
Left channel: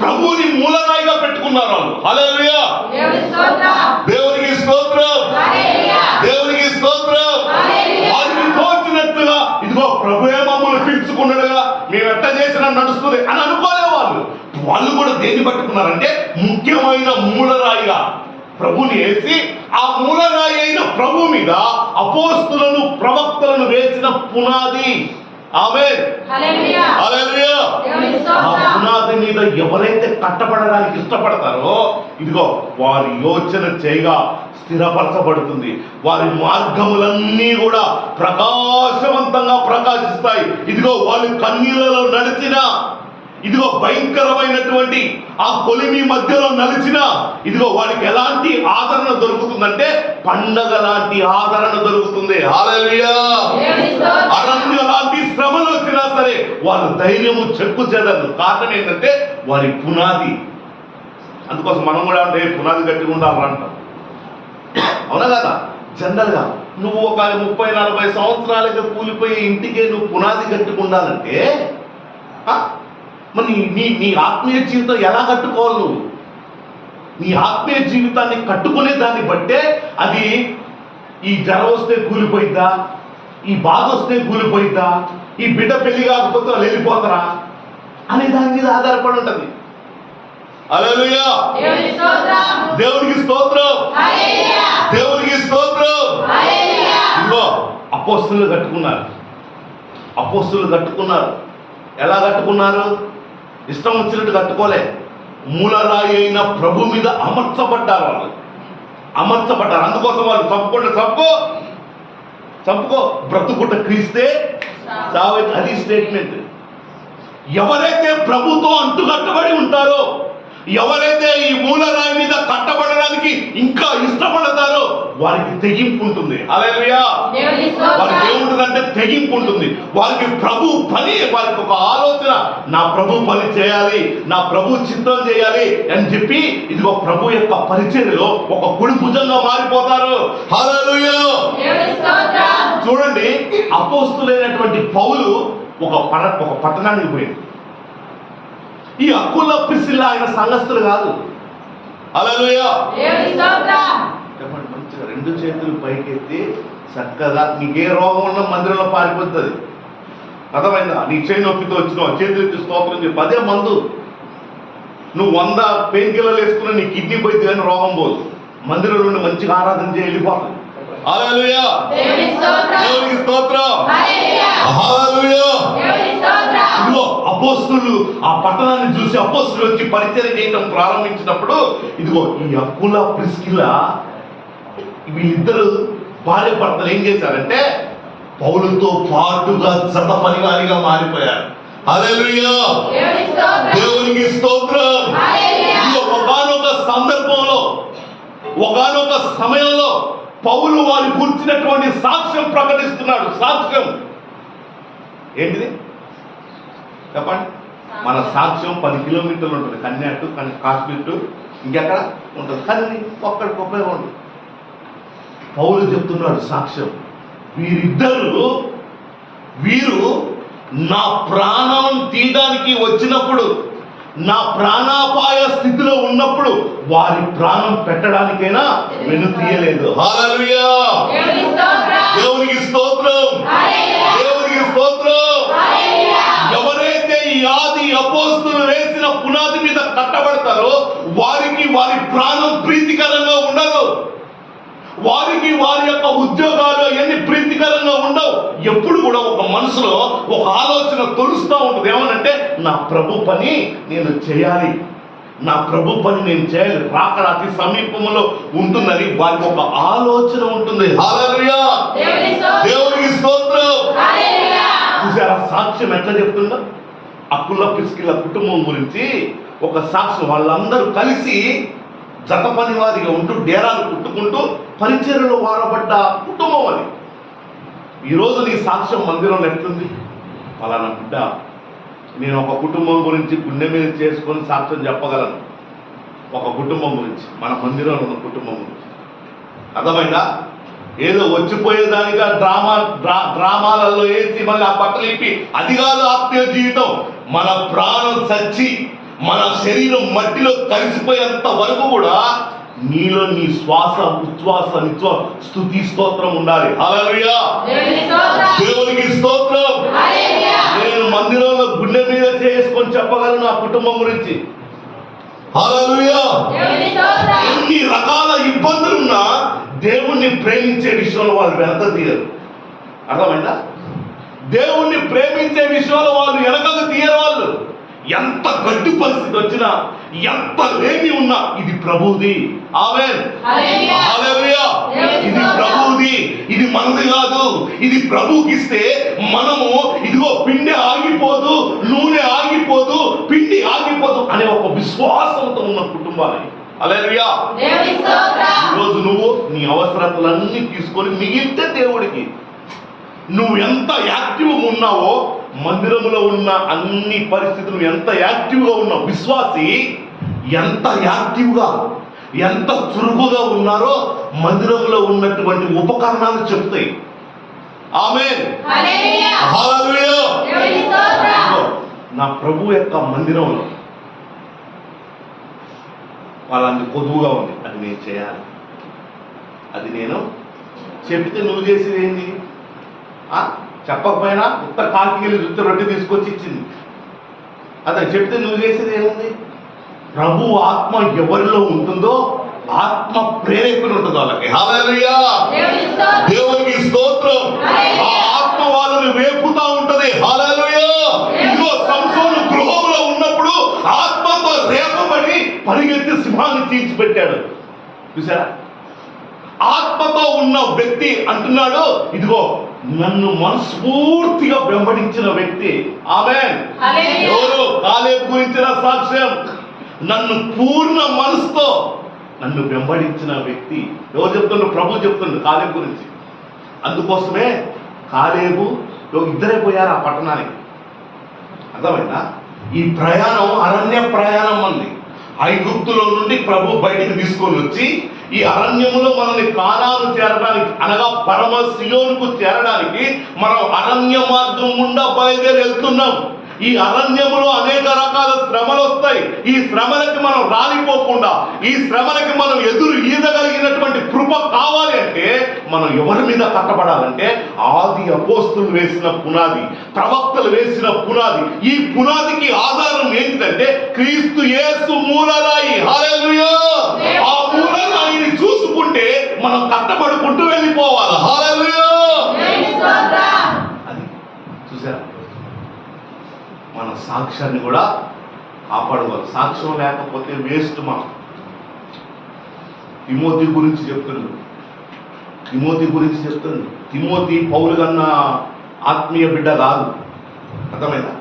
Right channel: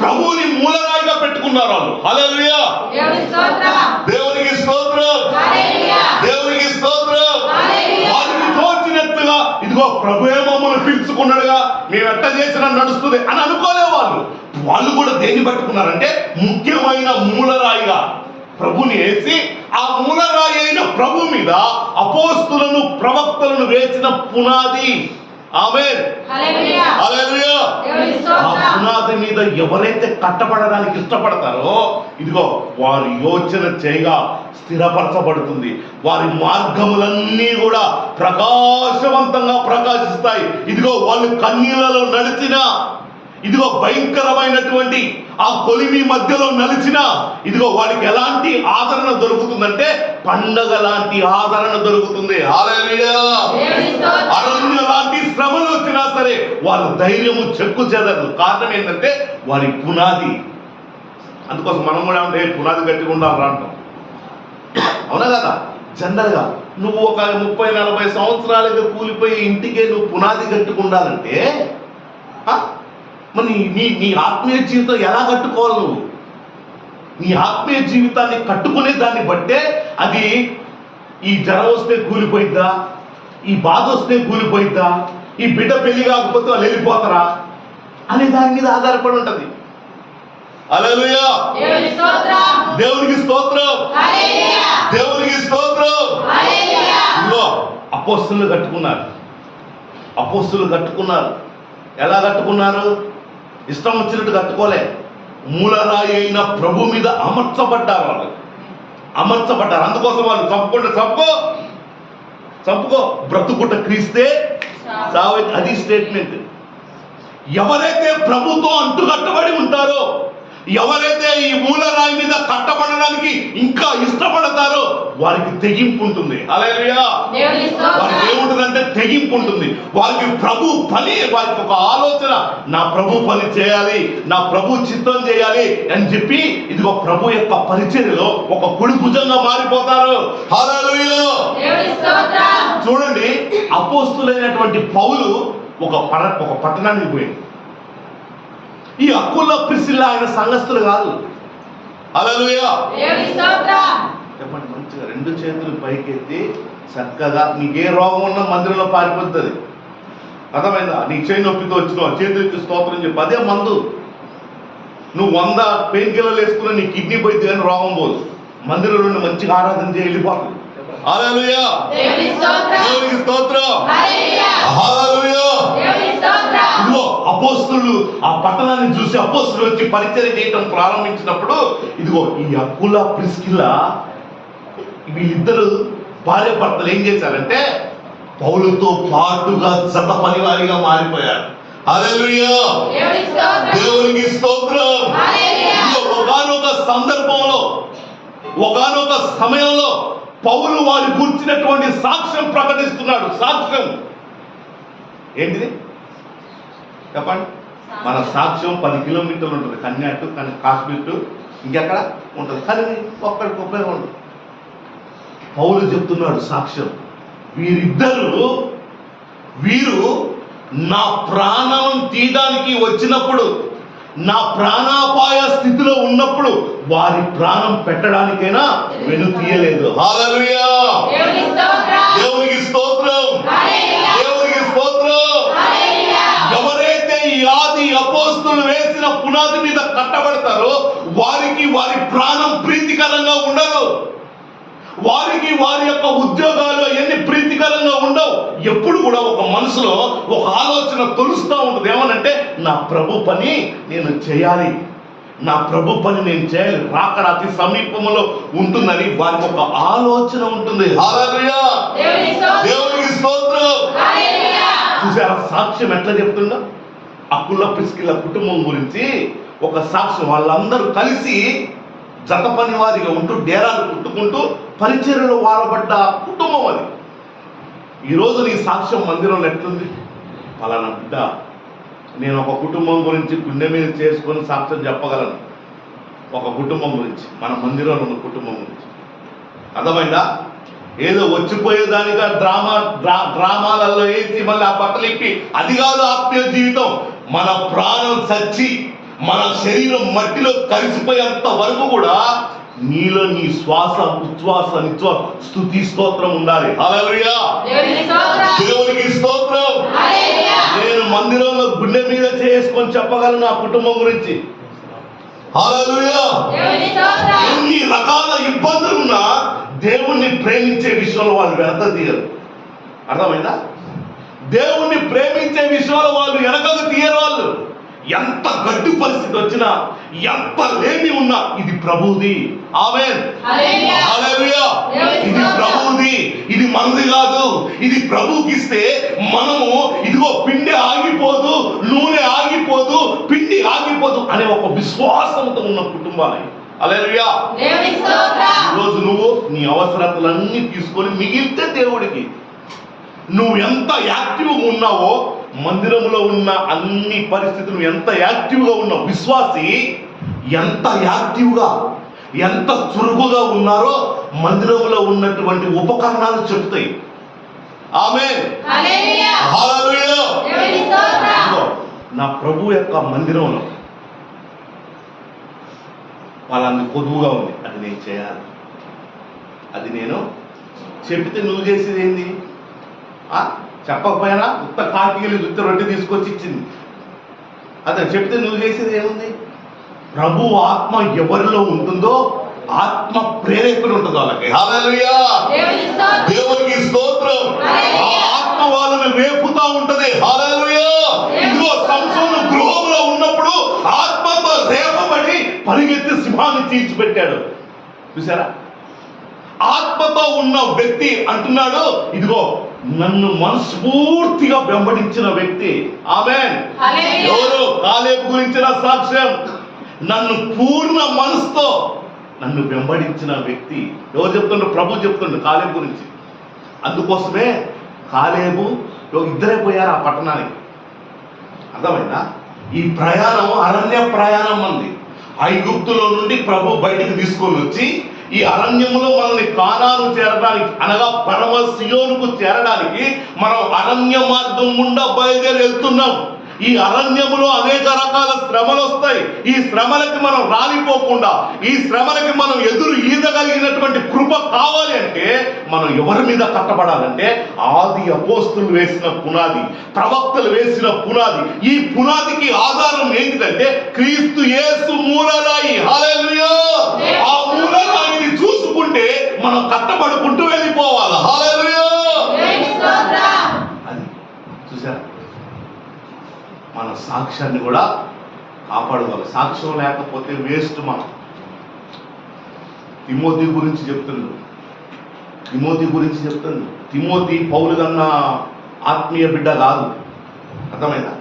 ప్రభువుని మూలరాయిగా పెట్టుకున్నారు వాళ్ళు. హల్లెలూయా. దేవునికి స్తోత్రం, దేవునికి స్తోత్రం. వారికి తోచినట్టుగా ఇదిగో ప్రభువే మమ్మల్ని పిలుచుకున్నాడుగా, మేము ఎట్ట చేసినా నడుస్తుంది అని అనుకోలే వాళ్ళు. వాళ్ళు కూడా దేన్ని పట్టుకున్నారంటే ముఖ్యమైన మూలరాయిగా ప్రభుని వేసి, ఆ మూలరాయి అయిన ప్రభు మీద అపోస్తులను ప్రవక్తలను వేసిన పునాది. ఆమేన్. హల్లెలూయా. ఆ పునాది మీద ఎవరైతే కట్టబడడానికి ఇష్టపడతారో ఇదిగో వారి యోచన చేయగా స్థిరపరచబడుతుంది. వారి మార్గములన్నీ కూడా ప్రకాశవంతంగా ప్రకాశిస్తాయి. ఇదిగో వాళ్ళు కన్నీళ్లలో నడిచిన, ఇదిగో భయంకరమైనటువంటి ఆ కొలిమి మధ్యలో నలిచిన, ఇదిగో వాడికి ఎలాంటి ఆదరణ దొరుకుతుందంటే పండగ లాంటి ఆదరణ దొరుకుతుంది. హల్లెలూయా. అరణ్య లాంటి శ్రమలు వచ్చినా సరే వారు ధైర్యము చెక్కు చెదరదు. కారణం ఏంటంటే వారి పునాది. అందుకోసం మనం కూడా అంటే పునాది గట్టిగా ఉండాలి అంటాం, అవునా కదా. జనరల్గా నువ్వు ఒక 30-40 సంవత్సరాలుగా కూలిపోయి ఇంటికే నువ్వు పునాది గట్టిగా ఉండాలంటే మరి నీ ఆత్మీయ జీవితం ఎలా కట్టుకోవాలి? నువ్వు నీ ఆత్మీయ జీవితాన్ని కట్టుకునే దాన్ని బట్టే అది ఈ జ్వరం వస్తే కూలిపోయిద్దా, ఈ బాధ వస్తే కూలిపోయిద్దా, ఈ బిడ్డ పెళ్లి కాకపోతే వాళ్ళు వెళ్ళిపోతారా అనే దాని మీద ఆధారపడి ఉంటుంది. హల్లెలూయా. దేవునికి స్తోత్రం, దేవునికి స్తోత్రం. ఇదిగో అపోస్తలులు కట్టుకున్నారు. అపోస్తలులు కట్టుకున్నారు. ఎలా కట్టుకున్నారు? ఇష్టం వచ్చినట్టు కట్టుకోలే. మూలరాయి అయిన ప్రభు మీద అమర్చబడ్డారు. వాళ్ళు అమర్చబడ్డారు. అందుకోసం వాళ్ళు చంపుకో బ్రతుకుట క్రీస్తే చావే. అది స్టేట్మెంట్. ఎవరైతే ప్రభుతో అంటుకట్టబడి ఉంటారో, ఎవరైతే ఈ మూలరాయి మీద కట్టబడడానికి ఇంకా ఇష్టపడతారో వారికి తెగింపు ఉంటుంది. హల్లెలూయా. వారికి ఏముంటుందంటే తెగింపు ఉంటుంది. వారికి ప్రభు పని, వారికి ఒక ఆలోచన, నా ప్రభు పని చేయాలి, నా ప్రభు చిత్తం చేయాలి అని చెప్పి ఇదిగో ప్రభు యొక్క పరిచర్యలో ఒక కుడి భుజంగా మారిపోతారు. హల్లెలూయా. చూడండి, అపోస్తులైనటువంటి పౌలు ఒక పట్టణానికి పోయింది. ఈ అక్కుల ప్రిసిల్ల ఆయన సంఘస్థులు కాదు. హల్లెలూయా. చెప్పండి మంచిగా 2 చేతులు పైకెత్తి చక్కగా నీకే రోగం ఉన్న మందిరంలో పారిపోతుంది. అర్థమైందా? నీ చేయి నొప్పితో వచ్చినావు, చేతులు ఎత్తి స్తోత్రం చెప్పి అదే మందు. నువ్వు 100 పెయిన్ కిల్లర్లు వేసుకుని నీ కిడ్నీ పోయింది కానీ రోగం పోదు. మందిరం నుండి మంచిగా ఆరాధన చేయి వెళ్ళిపోతుంది. హల్లెలూయా. దేవునికి స్తోత్రం. హల్లెలూయా. ఇదిగో అపోస్తలులు ఆ పట్టణాన్ని చూసి అపోస్తలులు వచ్చి పరిచర్య చేయడం ప్రారంభించినప్పుడు ఇదిగో ఈ అక్కుల ప్రిస్కిల్ల వీళ్ళిద్దరు భార్య భర్తలు ఏం చేశారంటే పౌలుతో పాటుగా జత పనివారిగా మారిపోయారు. హల్లెలూయా, దేవునికి స్తోత్రం. ఒకానొక సందర్భంలో, ఒకానొక సమయంలో పౌలు వారి గురించినటువంటి సాక్ష్యం ప్రకటిస్తున్నాడు. సాక్ష్యం ఏంటిది చెప్పండి? మన సాక్ష్యం 10 కిలోమీటర్లు ఉంటుంది, కన్యా టు కాశ్మీర్ టు ఇంకెక్కడ ఉంటుంది, కానీ ఒక్కడికి ఉపయోగం ఉంటుంది. పౌలు చెప్తున్నాడు సాక్ష్యం, వీరు నా ప్రాణం తీయడానికి వచ్చినప్పుడు, నా ప్రాణాపాయ స్థితిలో ఉన్నప్పుడు వారి ప్రాణం పెట్టడానికైనా నేను తీయలేదు. హల్లెలూయా, దేవునికి స్తోత్రం, దేవునికి స్తోత్రం. ఎవరైతే ఈ ఆది అపోస్తులు వేసిన పునాది మీద కట్టబడతారో వారికి వారి ప్రాణం ప్రీతికరంగా ఉండదు. వారికి వారి యొక్క ఉద్యోగాలు అవన్నీ ప్రీతికరంగా ఉండవు. ఎప్పుడు కూడా ఒక మనసులో ఒక ఆలోచన తొలుస్తూ ఉంటుంది, ఏమనంటే నా ప్రభు పని నేను చేయాలి, నా ప్రభు పని నేను చేయాలి, రాకడ అతి సమీపంలో ఉంటుందని వారికి ఒక ఆలోచన ఉంటుంది. హల్లెలూయా, దేవునికి స్తోత్రం. చూసారా సాక్ష్యం ఎట్లా చెప్తుందో? అక్కుల పిస్కిల కుటుంబం గురించి ఒక సాక్ష్యం. వాళ్ళందరూ కలిసి జత పని వారిగా ఉంటూ డేరాలు కుట్టుకుంటూ పరిచర్యలో వాడబడ్డ కుటుంబం అది. ఈరోజు నీ సాక్ష్యం మందిరంలో ఎట్లుంది? పలానా బిడ్డ, నేను ఒక కుటుంబం గురించి గుండె మీద చేసుకొని సాక్ష్యం చెప్పగలను. ఒక కుటుంబం గురించి, మన మందిరంలో ఉన్న కుటుంబం గురించి. అర్థమైందా? ఏదో వచ్చిపోయేదానిగా డ్రామాలలో వేసి మళ్ళీ ఆ బట్టలు ఇప్పి, అది కాదు ఆత్మీయ జీవితం. మన ప్రాణం చచ్చి మన శరీరం మట్టిలో కలిసిపోయేంత వరకు కూడా నీలో నీ శ్వాస ఉచ్ఛ్వాస నిశ్వాస స్తుతి స్తోత్రం ఉండాలి. హల్లెలూయా, దేవునికి స్తోత్రం. నేను మందిరంలో గుండె మీద చేసుకొని చెప్పగలను నా కుటుంబం గురించి. హల్లెలూయా, ఎన్ని రకాల ఇబ్బందులున్నా దేవుణ్ణి ప్రేమించే విషయంలో వాళ్ళు వెనక తీయరు. అర్థమైందా? దేవుణ్ణి ప్రేమించే విషయంలో వాళ్ళు వెనకకు తీయరు. వాళ్ళు ఎంత గడ్డు పరిస్థితి వచ్చినా, ఎంత లేమి ఉన్నా, ఇది ప్రభువుది. ఆమేన్, హల్లెలూయా. ఇది ప్రభువుది, ఇది మనది కాదు. ఇది ప్రభువుకి ఇస్తే మనము ఇదిగో పిండి ఆగిపోదు, నూనె ఆగిపోదు, పిండి ఆగిపోదు అనే ఒక విశ్వాసంతో ఉన్న కుటుంబాలు. హల్లెలూయా. ఈరోజు నువ్వు నీ అవసరతలన్నీ తీసుకొని మిగిలితే దేవుడికి నువ్వు ఎంత యాక్టివ్గా ఉన్నావో, మందిరంలో ఉన్న అన్ని పరిస్థితులు ఎంత యాక్టివ్గా ఉన్నావు, విశ్వాసి ఎంత యాక్టివ్గా ఎంత చురుకుగా ఉన్నారో మందిరంలో ఉన్నటువంటి ఉపకరణాలు చెప్తాయి. ఆమేన్, హల్లెలూయా. నా ప్రభు యొక్క మందిరంలో వాళ్ళని కొదువుగా ఉంది, అది నేను చేయాలి. అది నేను చెబితే నువ్వు చేసేది ఏంది? చెప్పకపోయినా ఉత్త కాకిలు ఉత్త రొట్టె తీసుకొచ్చి ఇచ్చింది. అదే చెప్తే నువ్వు చేసేది ఏముంది? ప్రభు ఆత్మ ఎవరిలో ఉంటుందో ఆత్మ ప్రేరేపణ ఉంటుంది వాళ్ళకి. హల్లెలూయా, దేవునికి స్తోత్రం. ఆ ఆత్మ వాళ్ళని రేపుతా ఉంటది. హల్లెలూయా. ఇదిగో సంసోను గృహంలో ఉన్నప్పుడు ఆత్మతో రేపబడి పరిగెత్తి సింహాన్ని తీర్చిపెట్టాడు. చూసారా? ఆత్మతో ఉన్న వ్యక్తి అంటున్నాడు, ఇదిగో నన్ను మనస్ఫూర్తిగా వెంబడించిన వ్యక్తి. ఆమేన్. ఎవరు? కాలేబు గురించిన సాక్ష్యం. నన్ను పూర్ణ మనసుతో నన్ను వెంబడించిన వ్యక్తి. ఎవరు చెప్తుండ్రు? ప్రభు చెప్తుండ్రు కాలేబు గురించి. అందుకోసమే కాలేబు ఇద్దరే పోయారు ఆ పట్టణానికి. అర్థమైందా? ఈ ప్రయాణం అరణ్య ప్రయాణం అంది. ఐగుప్తులో నుండి ప్రభు బయటకు తీసుకొని వచ్చి ఈ అరణ్యములో మనల్ని కానాను చేరడానికి, అనగా పరమ సియోనుకు చేరడానికి మనం అరణ్య మార్గం గుండా బయలుదేరి వెళ్తున్నాం. ఈ అరణ్యములో అనేక రకాల శ్రమలు వస్తాయి. ఈ శ్రమలకి మనం రాలిపోకుండా, ఈ శ్రమలకి మనం ఎదురు ఈదగలిగినటువంటి కృప కావాలి అంటే మనం ఎవరి మీద కట్టబడాలంటే ఆది అపోస్తులు వేసిన పునాది, ప్రవక్తలు వేసిన పునాది. ఈ పునాదికి ఆధారం ఏంటంటే క్రీస్తు యేసు మూలరాయి. హల్లెలూయా. ఆ మూలరాయిని చూసుకుంటే మనం కట్టబడుకుంటూ వెళ్ళిపోవాలి. హల్లెలూయా. అది చూసారా? మన సాక్ష్యాన్ని కూడా కాపాడుకోవాలి. సాక్ష్యం లేకపోతే వేస్ట్. మనం తిమోతి గురించి చెప్తున్నాడు. తిమోతి పౌలు కన్నా ఆత్మీయ బిడ్డ కాదు. అర్థమైందా?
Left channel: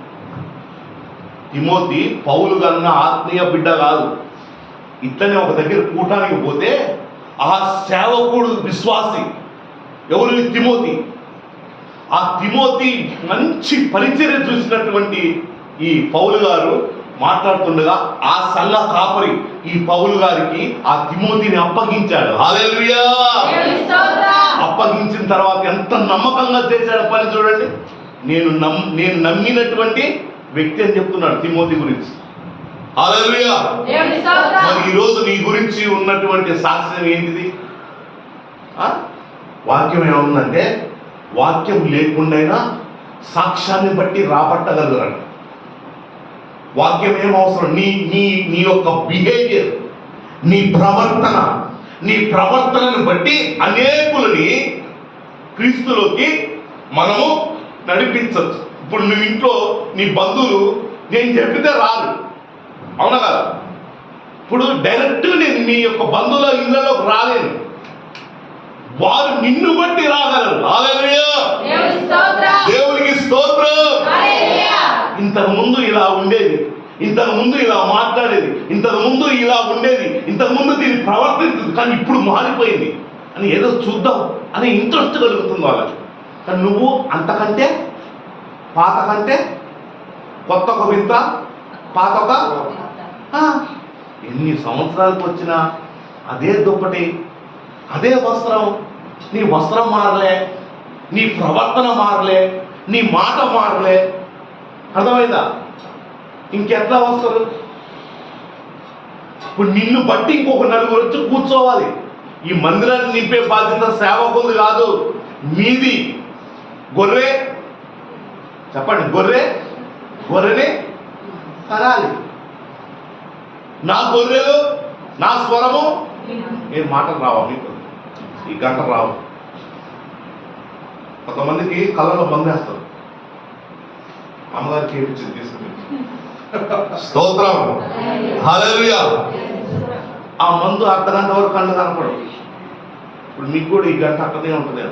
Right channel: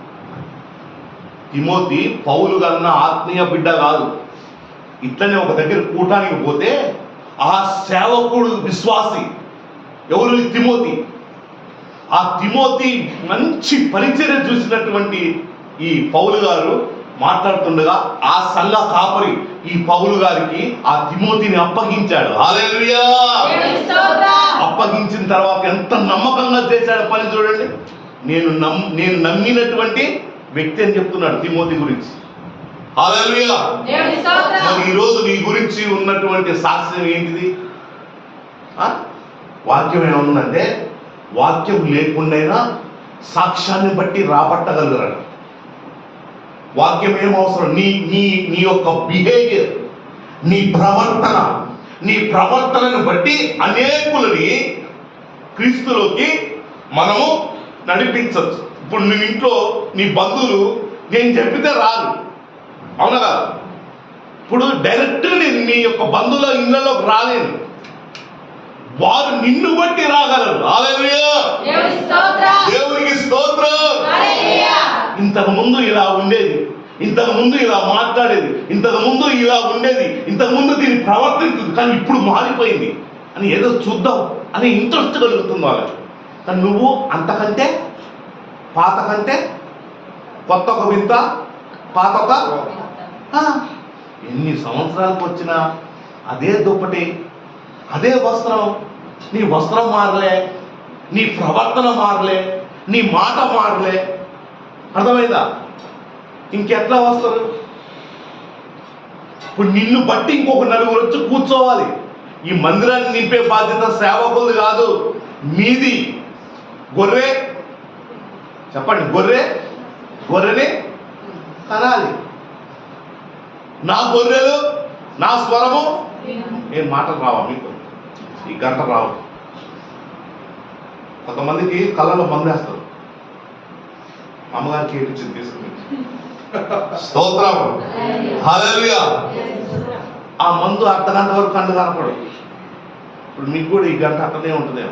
తిమోతి పౌలు కన్నా ఆత్మీయ బిడ్డ కాదు. ఇట్లనే ఒక దగ్గర కూటానికి పోతే ఆ సేవకుడు విశ్వాసి ఎవరు? తిమోతి. ఆ తిమోతి మంచి పరిచర్య చూసినటువంటి ఈ పౌలు గారు మాట్లాడుతుండగా ఆ సల్ల కాపరి ఈ పౌలు గారికి ఆ తిమోతిని అప్పగించాడు. హల్లెలూయా! అప్పగించిన తర్వాత ఎంత నమ్మకంగా చేశాడు పని చూడండి. నేను నమ్మినటువంటి వ్యక్తి అని చెప్తున్నాడు తిమోతి గురించి. హల్లెలూయా! మరి ఈరోజు నీ గురించి ఉన్నటువంటి సాక్ష్యం ఏంటిది? వాక్యం ఏముందంటే వాక్యం లేకుండా సాక్ష్యాన్ని బట్టి రాబట్టగలగరండి. వాక్యం ఏమవసరం? నీ నీ నీ యొక్క బిహేవియర్, నీ ప్రవర్తనను బట్టి అనేకులని క్రీస్తులోకి మనము నడిపించవచ్చు. ఇప్పుడు నీ ఇంట్లో నీ బంధువులు నేను చెప్పితే రాదు, అవునా కదా? ఇప్పుడు డైరెక్ట్గా నేను మీ యొక్క బంధువుల ఇళ్ళలోకి రాలేను, వారు నిన్ను బట్టి రాగలరు. హల్లెలూయా! దేవునికి స్తోత్రం. ఇంతకు ముందు ఇలా ఉండేది, ఇంతకు ముందు ఇలా మాట్లాడేది, ఇంతకు ముందు ఇలా ఉండేది, ఇంతకు ముందు దీన్ని ప్రవర్తించింది, కానీ ఇప్పుడు మారిపోయింది అని ఏదో చూద్దాం అని ఇంట్రెస్ట్ కలుగుతుంది వాళ్ళకి. కానీ నువ్వు అంతకంటే పాత కంటే కొత్త ఒక వింత, పాత ఒక ఎన్ని సంవత్సరాలకు వచ్చినా అదే దుప్పటి, అదే వస్త్రం. నీ వస్త్రం మారలే, నీ ప్రవర్తన మారలే, నీ మాట మారలే. అర్థమైందా? ఇంకెట్లా వస్తారు? ఇప్పుడు నిన్ను బట్టి ఇంకొక నలుగురు వచ్చి కూర్చోవాలి. ఈ మందిరాన్ని నింపే బాధ్యత సేవకులది కాదు, మీది. గొర్రె చెప్పండి, గొర్రెని కనాలి. నా గొర్రెలు నా స్వరము. నేను మాటలు రావా మీకు? ఈ గంట రావు. కొంతమందికి కళ్ళలో మందేస్తారు, అమ్మగారికి ఏపించింది తీసుకుని. స్తోత్రం. హల్లెలూయా! ఆ మందు అర్ధగంట వరకు కళ్ళు కనపడు. ఇప్పుడు మీకు కూడా ఈ గంట అట్టనే ఉంటుంది.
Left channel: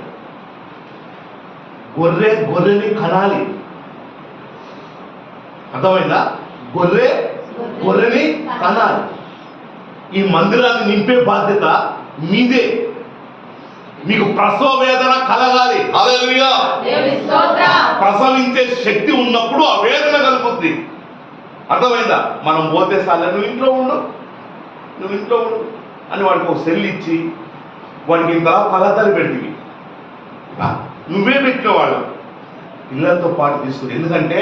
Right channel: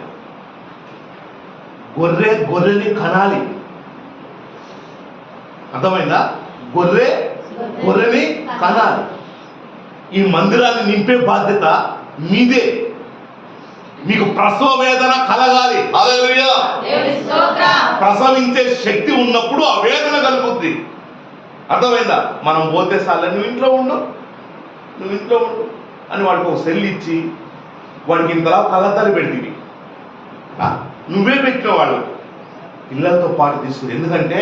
గొర్రెని కనాలి. అర్థమైందా? గొర్రెని కనాలి. ఈ మందిరాన్ని నింపే బాధ్యత మీదే. మీకు ప్రసవ వేదన కలగాలి. హల్లెలూయా! ప్రసవించే శక్తి ఉన్నప్పుడు ఆ వేదన కలుగుద్ది. అర్థమైందా? మనం పోతే సార్లు నువ్వు ఇంట్లో ఉండు అని వాడికి ఒక సెల్ ఇచ్చి వాడికి ఇంత కళ్ళద్దాలు పెడితివి. నువ్వే పెట్టిన వాళ్ళు పిల్లలతో పాటు తీసుకుని. ఎందుకంటే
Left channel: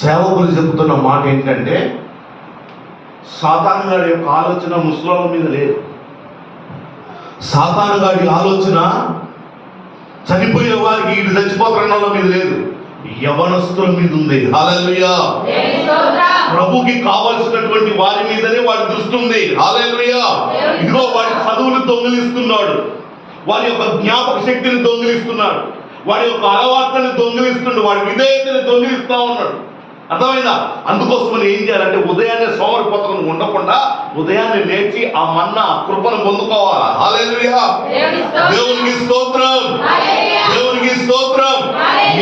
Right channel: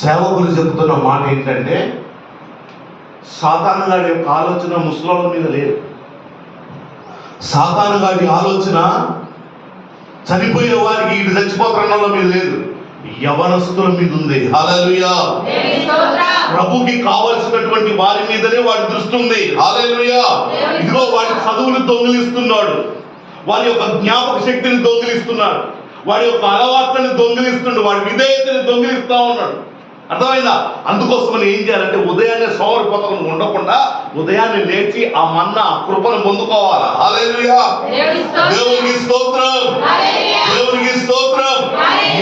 సేవకులు చెబుతున్న మాట ఏంటంటే సాతాను గారి యొక్క ఆలోచన ముసలోళ్ళ మీద లేదు. సాతాను గారి ఆలోచన చనిపోయే వారికి వీడు చచ్చిపోతున్న వాళ్ళ మీద లేదు, యవనస్తుల మీద ఉంది. హల్లెలూయా! ప్రభుకి కావలసినటువంటి వారి మీదనే వాడి దృష్టి ఉంది. హల్లెలూయా! ఇదిగో వాడి చదువులు దొంగిలిస్తున్నాడు, వారి యొక్క జ్ఞాపక శక్తిని దొంగిలిస్తున్నాడు, వాడి యొక్క అలవాట్లను దొంగిలిస్తున్నాడు, వాడి విధేయతని దొంగిలిస్తా ఉన్నాడు. అర్థమైందా? అందుకోసమని ఏం చేయాలంటే ఉదయాన్నే సోమరిపోతను ఉండకుండా ఉదయాన్నే లేచి ఆ మన్నా ఆ కృపను పొందుకోవాలి. హల్లెలూయా! దేవునికి స్తోత్రం. దేవునికి స్తోత్రం.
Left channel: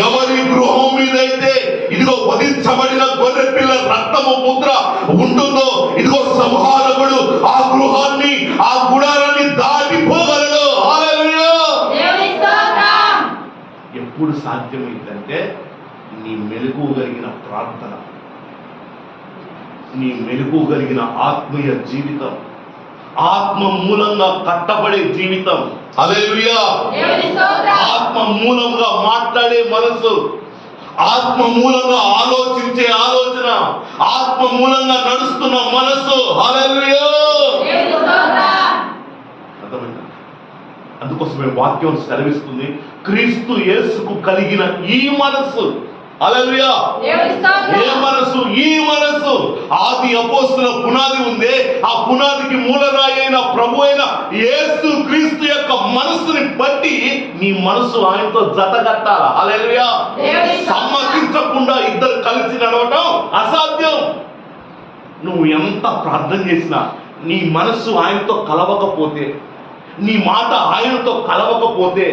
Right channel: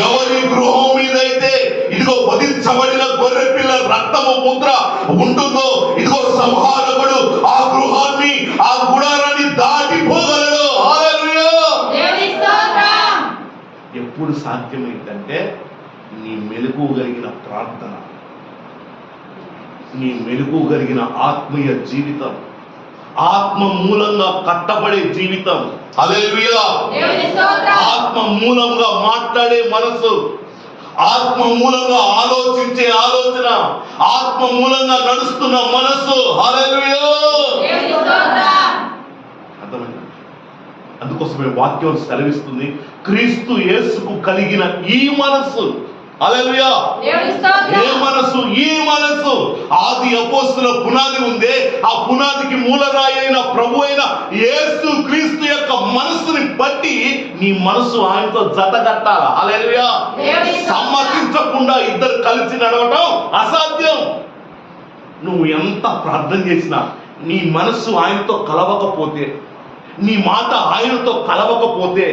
ఎవరి గృహం మీద అయితే ఇదిగో వధించబడిన గొర్రె పిల్ల రక్తము ముద్ర ఉంటుందో, ఇదిగో సంహారకుడు ఆ గృహాన్ని, ఆ గుడారాన్ని దాటిపోగలడు. హల్లెలూయా! ఎప్పుడు సాధ్యమైందంటే నీ మెలుగుగలిగిన ప్రార్థన, నీ మెలుగుగలిగిన ఆత్మీయ జీవితం, ఆత్మ మూలంగా కట్టబడే జీవితం. హల్లెలూయా! ఆత్మ మూలంగా మాట్లాడే మనసు, ఆత్మ మూలంగా ఆలోచించే ఆలోచన, ఆత్మ మూలంగా నడుస్తున్న మనసు. హల్లెలూయా! అర్థమైంది? అందుకోసమే వాక్యం సెలవిస్తుంది, క్రీస్తు యేసుకు కలిగిన ఈ మనసు. హల్లెలూయా! ఏ మనసు? ఈ మనసు. ఆది అపోస్తుల పునాది ఉందే, ఆ పునాదికి మూలరాయి అయిన ప్రభు అయిన యేసు క్రీస్తు యొక్క మనసుని బట్టి నీ మనసు ఆయనతో జతగట్టాల. హల్లెలూయా! సమ్మతించకుండా ఇద్దరు కలిసి నడవటం అసాధ్యం. నువ్వు ఎంత ప్రార్థన చేసినా నీ మనసు ఆయనతో కలవకపోతే, నీ మాట ఆయనతో కలవకపోతే,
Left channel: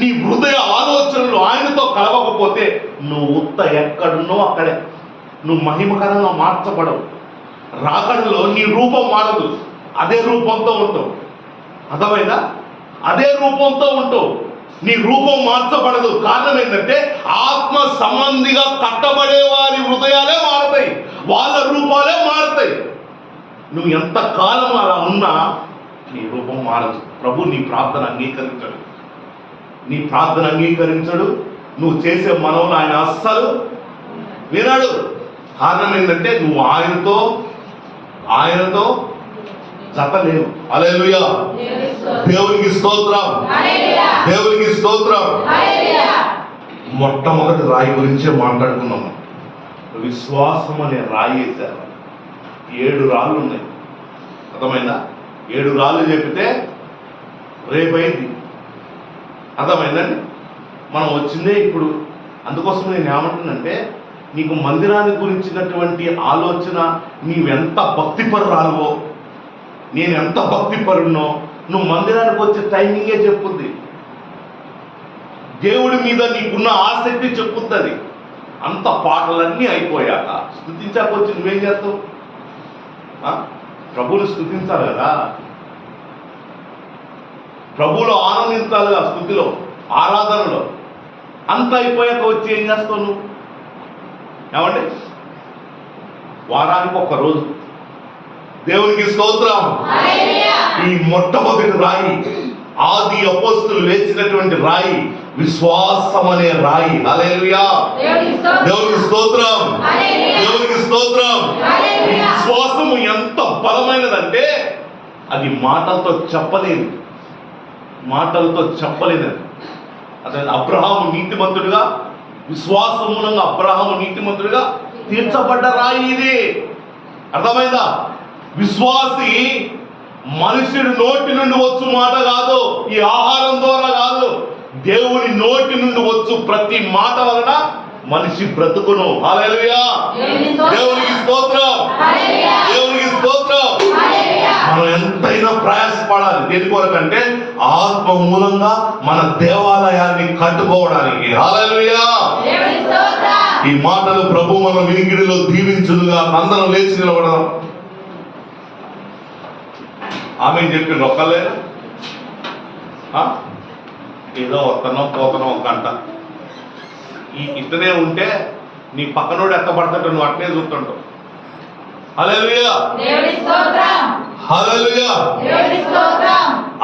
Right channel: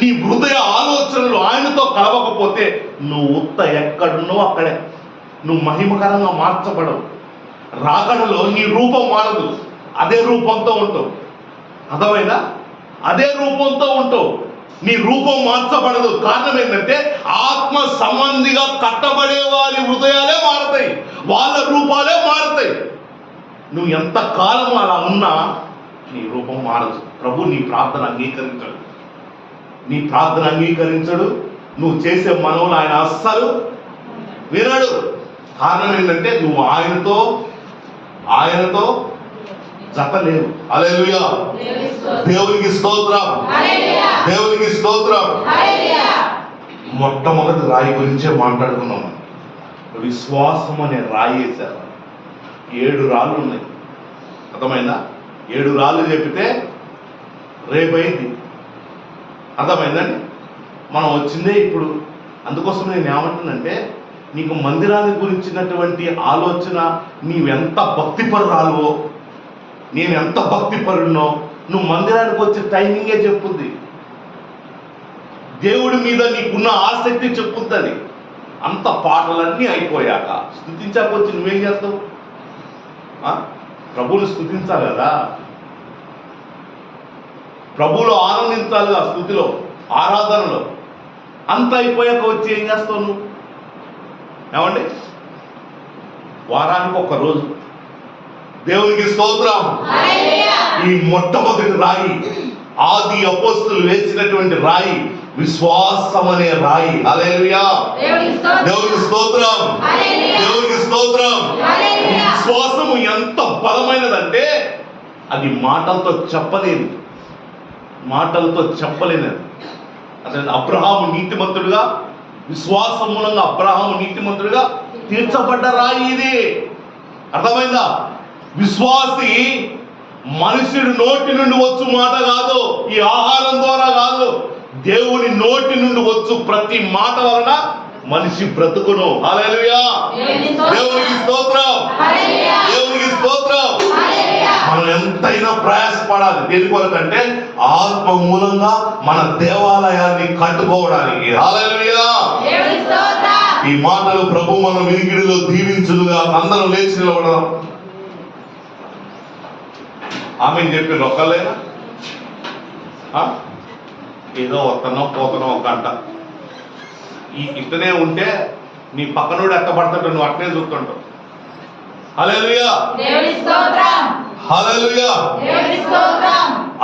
నీ హృదయ ఆలోచనలు ఆయనతో కలవకపోతే నువ్వు ఉత్త ఎక్కడున్నో అక్కడే. నువ్వు మహిమకరంగా మార్చబడవు. రాకడలో నీ రూపం మారదు, అదే రూపంతో ఉంటావు. అర్థమైందా? అదే రూపంతో ఉంటావు, నీ రూపం మార్చబడదు. కారణం ఏంటంటే ఆత్మ సంబంధిగా కట్టబడే వారి హృదయాలే మారతాయి, వాళ్ళ రూపాలే మారతాయి. నువ్వు ఎంత కాలం అలా ఉన్నా నీ రూపం మారదు. ప్రభు నీ ప్రార్థన అంగీకరించడు, నీ ప్రార్థన అంగీకరించడు. నువ్వు చేసే మనవులు ఆయన అస్సలు వినడు. కారణం ఏంటంటే నువ్వు ఆయనతో జత లేవు. హల్లెలూయా, దేవునికి స్తోత్రం, దేవునికి స్తోత్రం. మొట్టమొదటి రాయి గురించే మాట్లాడుకున్నాం. విశ్వాసం అనే రాయి వేశారు. 7 రాళ్ళు ఉన్నాయి. అర్థమైందా? 7 రాళ్ళు చెప్పితే రేపైంది. అర్థమైందండి? మనం వచ్చిందే ఇప్పుడు. అందుకోసం నేను ఏమంటున్నానంటే, నీకు మందిరాన్ని గురించినటువంటి ఆలోచన, నీవెంత భక్తిపరురాలువో, నేను ఎంత భక్తిపరునో నువ్వు మందిరానికి వచ్చే టైమింగే చెప్పుద్ది. దేవుడి మీద నీకున్న ఆసక్తి చెప్పుద్ది. అంత పాటలన్నీ అయిపోయాక స్తుతించాక వచ్చి నువ్వేం చేస్తావు? ప్రభువుని స్తుతించాలి కదా, ప్రభువులో ఆనందించాలి ఆ స్తుతిలో, ఆరాధనలో. అంత అయిపోయాక వచ్చి ఏం చేస్తావు నువ్వు? ఏమండి? వారానికి 1 రోజు. దేవునికి స్తోత్రం. ఈ మొట్టమొదటి రాయి, ఆది అపోస్తులు వేసినటువంటి రాయి, విశ్వాసం అనే రాయి. హల్లెలూయా, దేవునికి స్తోత్రం, దేవునికి స్తోత్రం. ఈ విశ్వాసము ఎంత బలమైనదంటే అది మాటలతో చెప్పలేదు, మాటలతో చెప్పలేదు. అదే అబ్రహాము నీతిమంతుడిగా, విశ్వాసం మూలంగా అబ్రహాము నీతిమంతుడిగా తీర్చబడ్డ రాయి ఇది. అర్థమైందా? విశ్వాసి మనుషుడి నోటి నుండి వచ్చు మాట కాదు, ఈ ఆహారం ద్వారా కాదు, దేవుని నోటి నుండి వచ్చు ప్రతి మాట వలన మనిషి బ్రతుకును. హల్లెలూయా, దేవునికి స్తోత్రం, దేవునికి స్తోత్రం. మనం ఎంతైనా ప్రయాసపడాలి. దేని కొరకంటే ఆత్మ మూలంగా మన దేవాలయాన్ని కట్టుకోవడానికి. హల్లెలూయా. ఈ మాటలు ప్రభు మన వినికిడిలో దీవించులుగా. అందరం లేచి నిలబడదాం. ఆమె చెప్పింది ఒక్కలేనా? ఏదో వస్తున్నాం పోతున్నాం ఒక గంట. ఇట్లనే ఉంటే నీ పక్కనోడు ఎక్కబడతాడు, నువ్వు అట్లనే చూస్తుంటావు. హల్లెలూయా, హల్లెలూయా.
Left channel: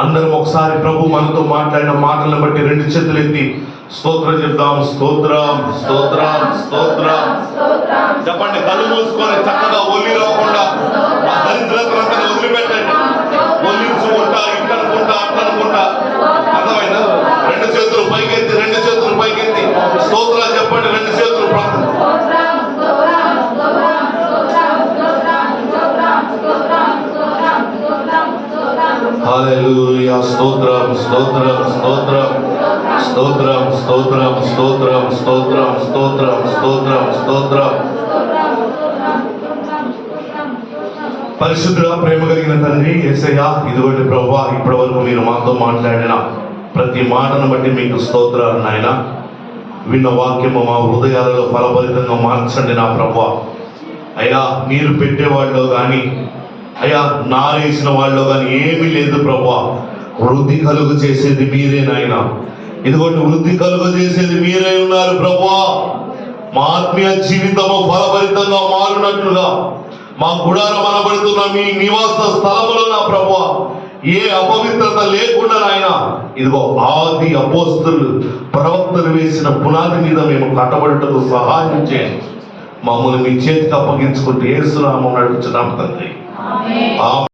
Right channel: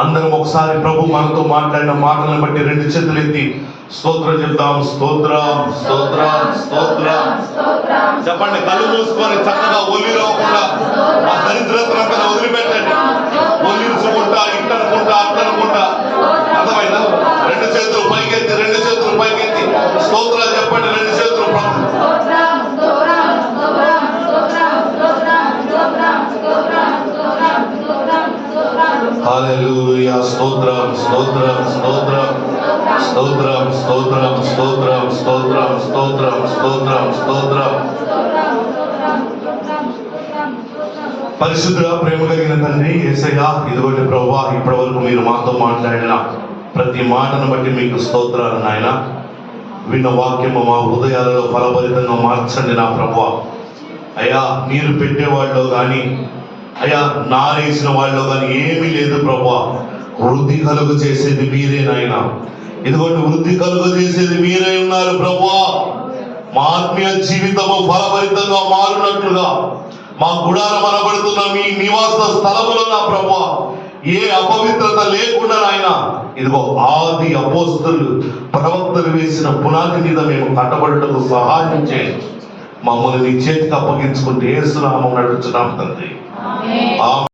అందరం ఒకసారి ప్రభు మనతో మాట్లాడిన మాటలను బట్టి 2 చేతులు ఎత్తి స్తోత్రం చెప్తాం. స్తోత్రం, స్తోత్రం, స్తోత్రం. చెప్పండి. కళ్ళు మూసుకొని చక్కగా ఒలిరవకుండా ఆ దరిద్రతనంతా వదిలిపెట్టండి. ఒలించుకుంటా, ఇట్టనుకుంటా, అట్లనుకుంటా. అర్థమైందా? 2 చేతులు పైకెత్తి, 2 చేతులు పైకెత్తి స్తోత్రాలు చెప్పండి. 2 చేతులు హల్లెలూయా. స్తోత్రం, స్తోత్రం, స్తోత్రం, స్తోత్రం, స్తోత్రం, స్తోత్రం, స్తోత్రం, స్తోత్రం, స్తోత్రం, స్తోత్రం. పరిశుద్ధ ప్రేమ కలిగిన తండ్రి యేసయ్యా, ఇదిగోండి ప్రభువా, ఇప్పటి వరకు మీరు మాతో మాట్లాడిన ప్రతి మాటను బట్టి మీకు స్తోత్రాలు నాయన. విన్న వాక్యము మా హృదయాలలో ఫలభరితంగా మార్చండి నా ప్రభువా. అయ్యా, నీరు పెట్టేవాళ్ళు కానీ, అయ్యా నారేసిన వాళ్ళు కానీ ఏమీ లేదు ప్రభువా. వృద్ధి కలుగు చేసేది మీరే నాయన. ఇదిగోండి వృద్ధి కలుగు చేసేది మీరే ఉన్నారు ప్రభువా. మా ఆత్మీయ జీవితము ఫలభరితంగా మారునట్లుగా మా గుడారం అనబడుతున్న మీ నివాస స్థలములో నా ప్రభువా ఏ అపవిత్రత లేకుండా నాయన, ఇదిగో ఆది అపోస్తులు ప్రవక్తలు వేసిన పునాది మీద మేము కట్టబడటకు సహాయం చేయండి. మమ్మల్ని మీ చేతికి అప్పగించుకుంటూ యేసు నామమున అడుగుచున్నాము తండ్రి.